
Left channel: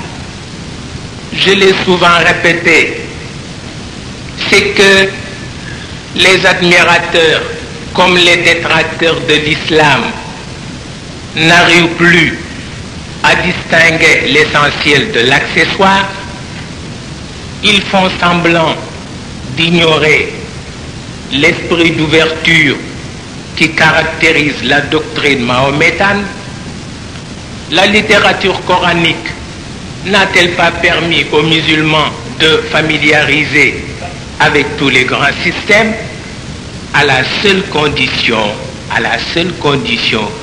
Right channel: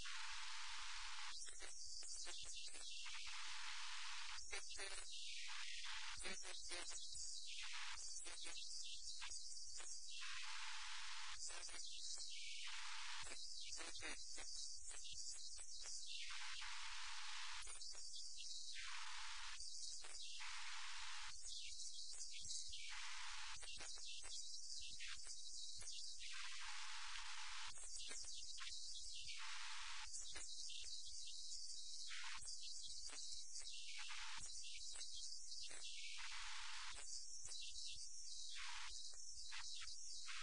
je l'ai souvent répété, c'est que les admirateurs comme les détracteurs de l'islam n'arrivent plus à distinguer l'essentiel de l'accessoire. Ils font semblant d'ignorer l'esprit d'ouverture qui caractérise la doctrine mahométane. La littérature coranique n'a-t-elle pas permis aux musulmans de familiariser avec tous les grands systèmes, à la seule condition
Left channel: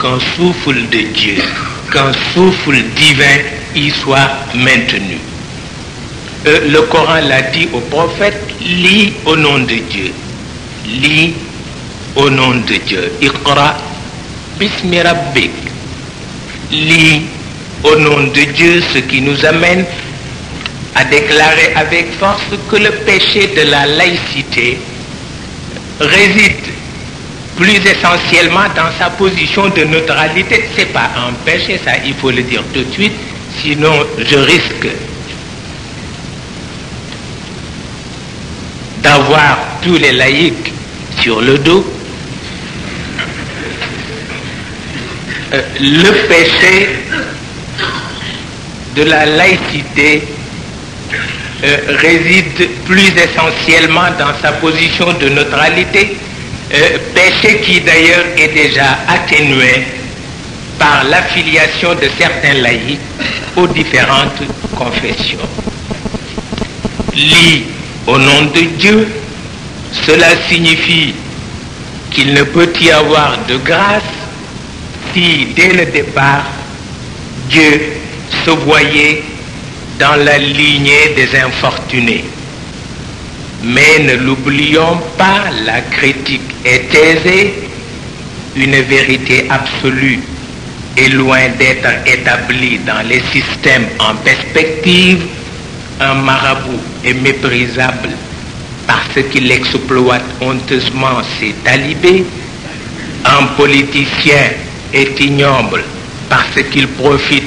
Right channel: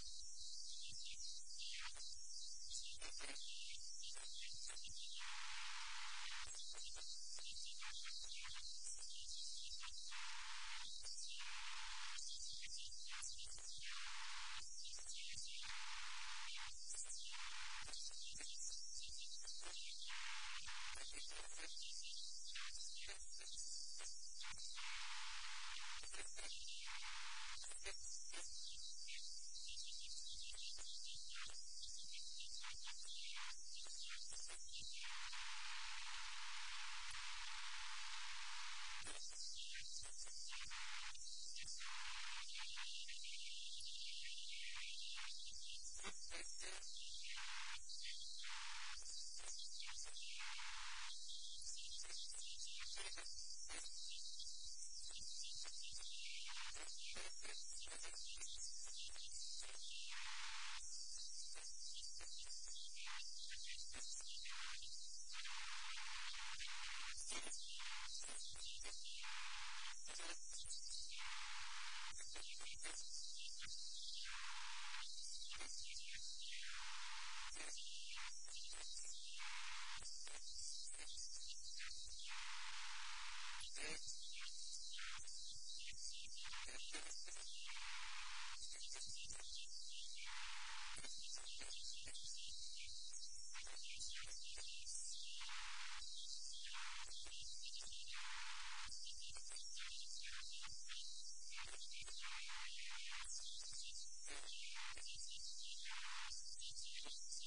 qu'un souffle de Dieu, qu'un souffle divin y soit maintenu. Le Coran l'a dit au prophète, lis au nom de Dieu. Lis au nom de Dieu. Iqra bismi rabbik. Lis au nom de Dieu, ce qui nous amène à déclarer avec force que le péché de la laïcité réside plus essentiellement dans sa position de neutralité. C'est pas un péché, ça, il faut le dire tout de suite, sinon je risque d'avoir tous les laïcs sur le dos. Le péché de la laïcité réside plus essentiellement dans sa position de neutralité, péché qui d'ailleurs est déjà atténué par l'affiliation de certains laïcs aux différentes confessions. Lis au nom de Dieu, cela signifie qu'il ne peut y avoir de grâce si dès le départ Dieu se voyait dans la lignée des infortunés. Mais ne l'oublions pas, la critique est aisée, une vérité absolue est loin d'être établie dans les systèmes en perspective. Un marabout est méprisable parce qu'il exploite honteusement ses talibés. Un politicien est ignoble parce qu'il profite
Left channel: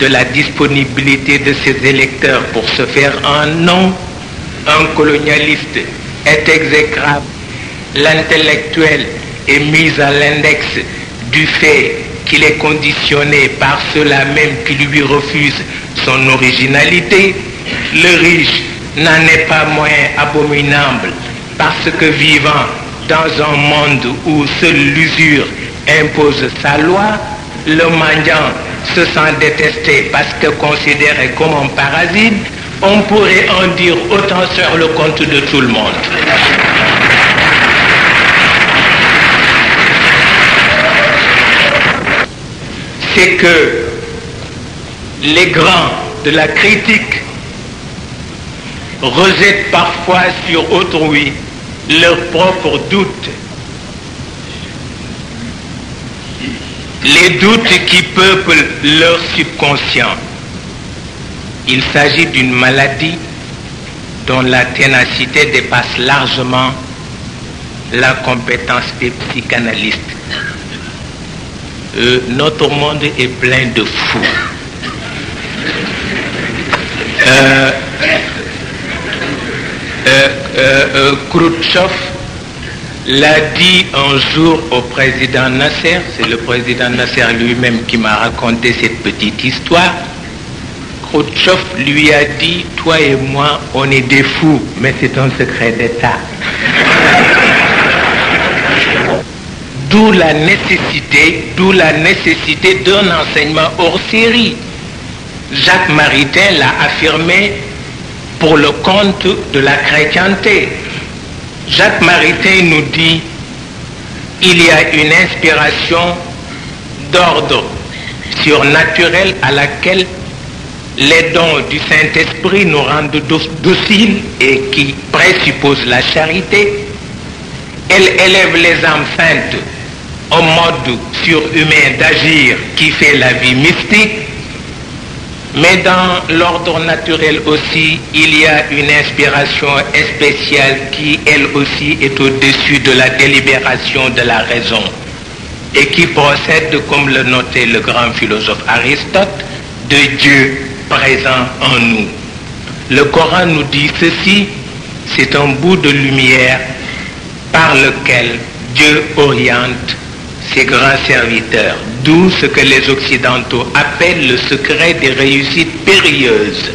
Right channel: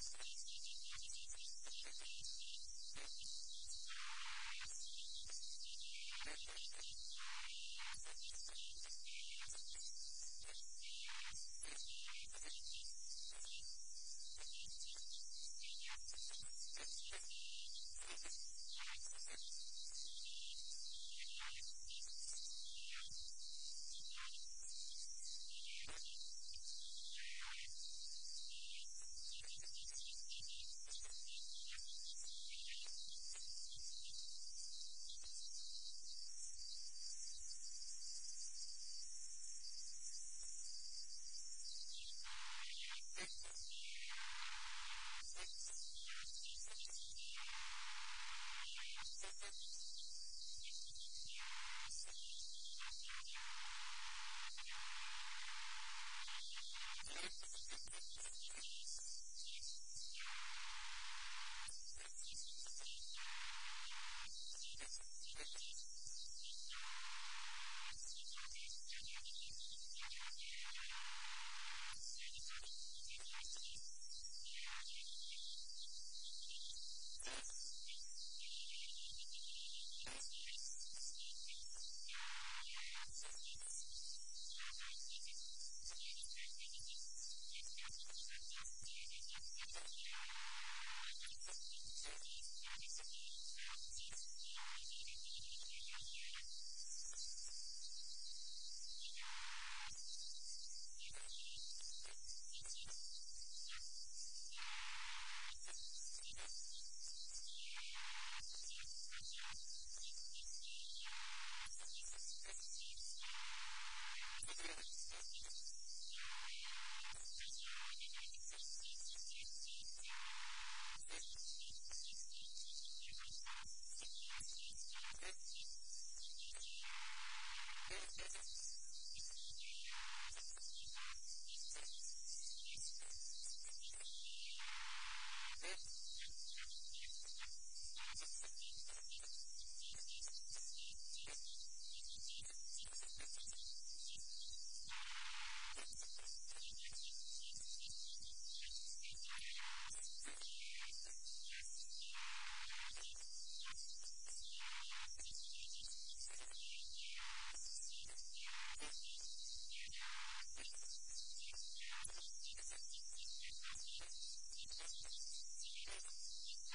de la disponibilité de ses électeurs pour se faire un nom. Un colonialiste est exécrable. L'intellectuel est mis à l'index du fait qu'il est conditionné par ceux-là même qui lui refusent son originalité. Le riche n'en est pas moins abominable parce que vivant dans un monde où seule l'usure impose sa loi, le mendiant se sent détesté parce que considéré comme un parasite. On pourrait en dire autant sur le compte de tout le monde. C'est que les grands de la critique rejettent parfois sur autrui leurs propres doutes. Les doutes qui peuplent leur subconscient. Il s'agit d'une maladie dont la ténacité dépasse largement la compétence des psychanalystes. Notre monde est plein de fous. Khrouchtchev l'a dit un jour au président Nasser, c'est le président Nasser lui-même qui m'a raconté cette petite histoire. Khrouchtchev lui a dit « Toi et moi, on est des fous, mais c'est un secret d'État. » D'où la nécessité d'un enseignement hors série. Jacques Maritain l'a affirmé pour le compte de la chrétienté. Jacques Maritain nous dit il y a une inspiration d'ordre surnaturel à laquelle les dons du Saint-Esprit nous rendent dociles et qui présuppose la charité. Elle élève les âmes saintes au mode surhumain d'agir qui fait la vie mystique. Mais dans l'ordre naturel aussi, il y a une inspiration spéciale qui, elle aussi, est au-dessus de la délibération de la raison et qui procède, comme le notait le grand philosophe Aristote, de Dieu présent en nous. Le Coran nous dit ceci, c'est un bout de lumière par lequel Dieu oriente ses grands serviteurs, d'où ce que les Occidentaux appellent le secret des réussites périlleuses.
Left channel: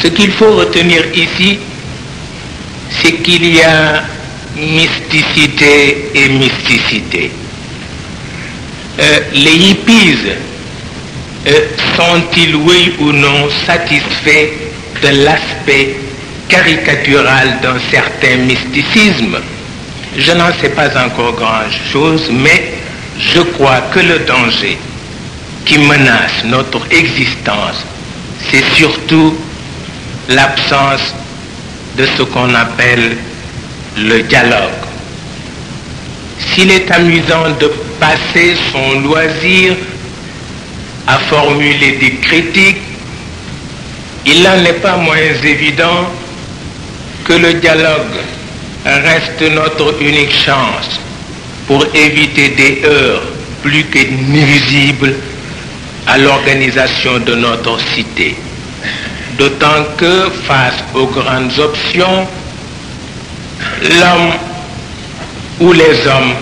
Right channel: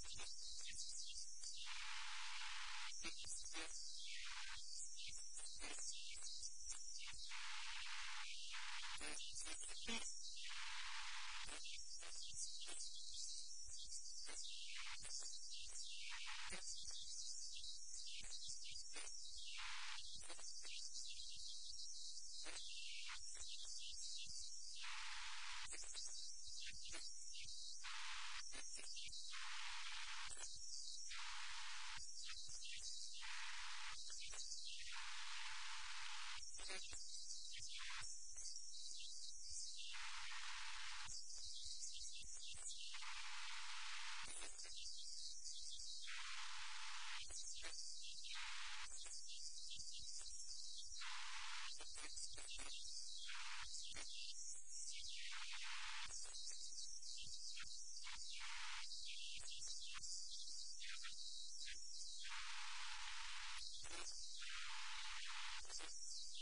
Ce qu'il faut retenir ici, c'est qu'il y a mysticité et mysticité. Les hippies sont-ils, oui ou non, satisfaits de l'aspect caricatural d'un certain mysticisme? Je n'en sais pas encore grand-chose, mais je crois que le danger qui menace notre existence, c'est surtout l'absence de ce qu'on appelle le dialogue. S'il est amusant de passer son loisir à formuler des critiques, il n'en est pas moins évident que le dialogue reste notre unique chance pour éviter des heurts plus que nuisibles à l'organisation de notre cité. D'autant que, face aux grandes options, l'homme ou les hommes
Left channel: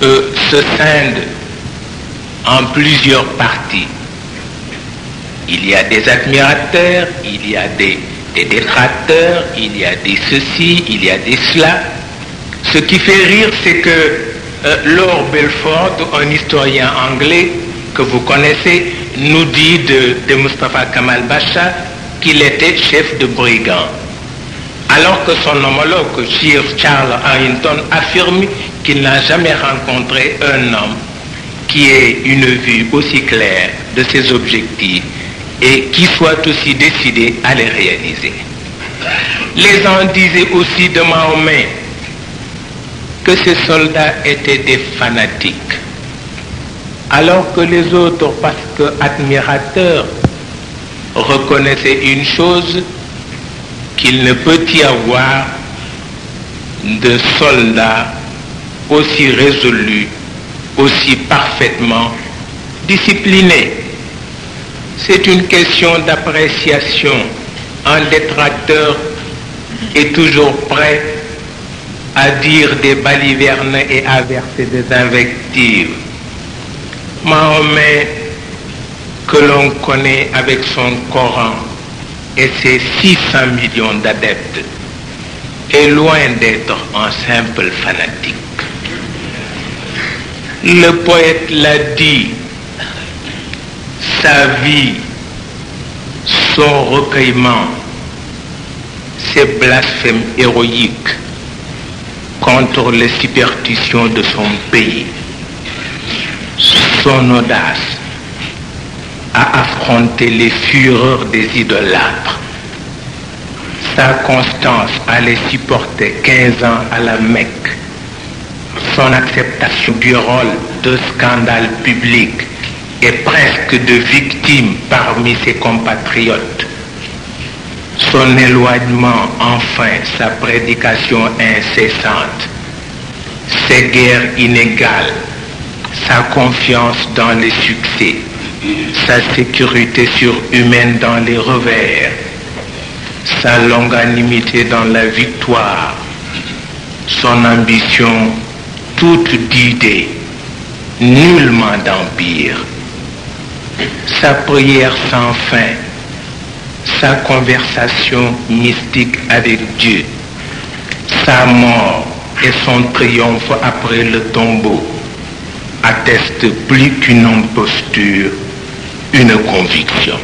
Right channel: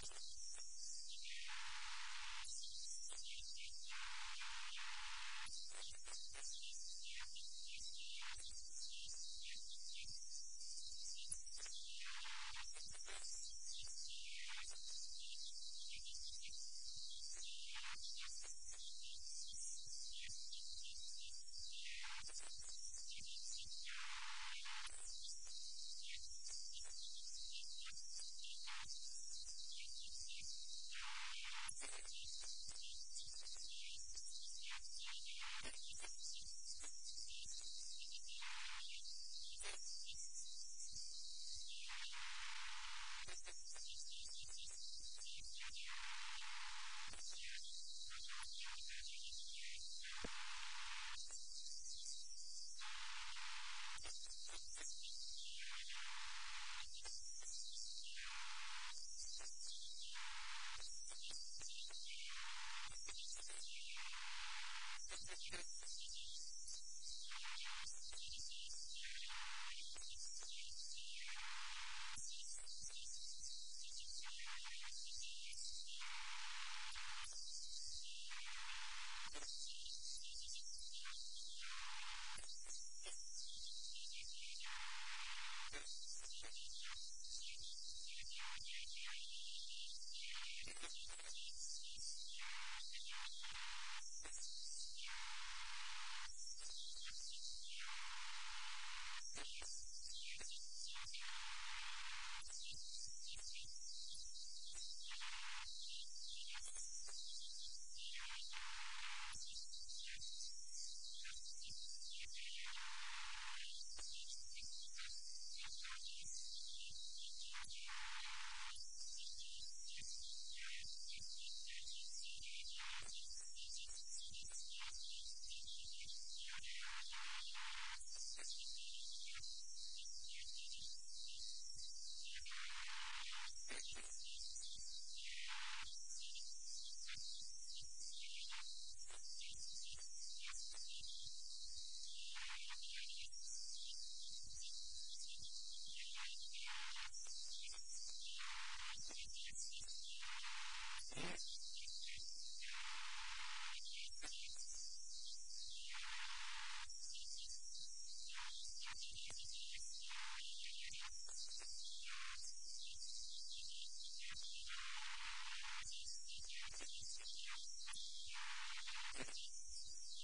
se scindent en plusieurs parties. Il y a des admirateurs, il y a des détracteurs, il y a des ceci, il y a des cela. Ce qui fait rire, c'est que Lord Belford, un historien anglais que vous connaissez, nous dit de Mustafa Kemal Pasha qu'il était chef de brigand. Alors que son homologue, Sir Charles Harrington, affirme qu'il n'a jamais rencontré un homme qui ait une vue aussi claire de ses objectifs et qui soit aussi décidé à les réaliser. Les gens disaient aussi de Mahomet que ces soldats étaient des fanatiques, alors que les autres, parce que admirateurs, reconnaissaient une chose, qu'il ne peut y avoir de soldats aussi résolus, aussi parfaitement disciplinés. C'est une question d'appréciation. Un détracteur est toujours prêt à dire des balivernes et à verser des invectives. Mahomet, que l'on connaît avec son Coran et ses 600 millions d'adeptes, est loin d'être un simple fanatique. Le poète l'a dit, sa vie, son recueillement, ses blasphèmes héroïques contre les superstitions de son pays, son audace à affronter les fureurs des idolâtres, sa constance à les supporter 15 ans à la Mecque, son acceptation du rôle de scandale public et presque de victime parmi ses compatriotes, son éloignement, enfin, sa prédication incessante, ses guerres inégales, sa confiance dans les succès, sa sécurité surhumaine dans les revers, sa longanimité dans la victoire, son ambition toute d'idées, nullement d'empire, sa prière sans fin, sa conversation mystique avec Dieu, sa mort et son triomphe après le tombeau attestent plus qu'une imposture, une conviction.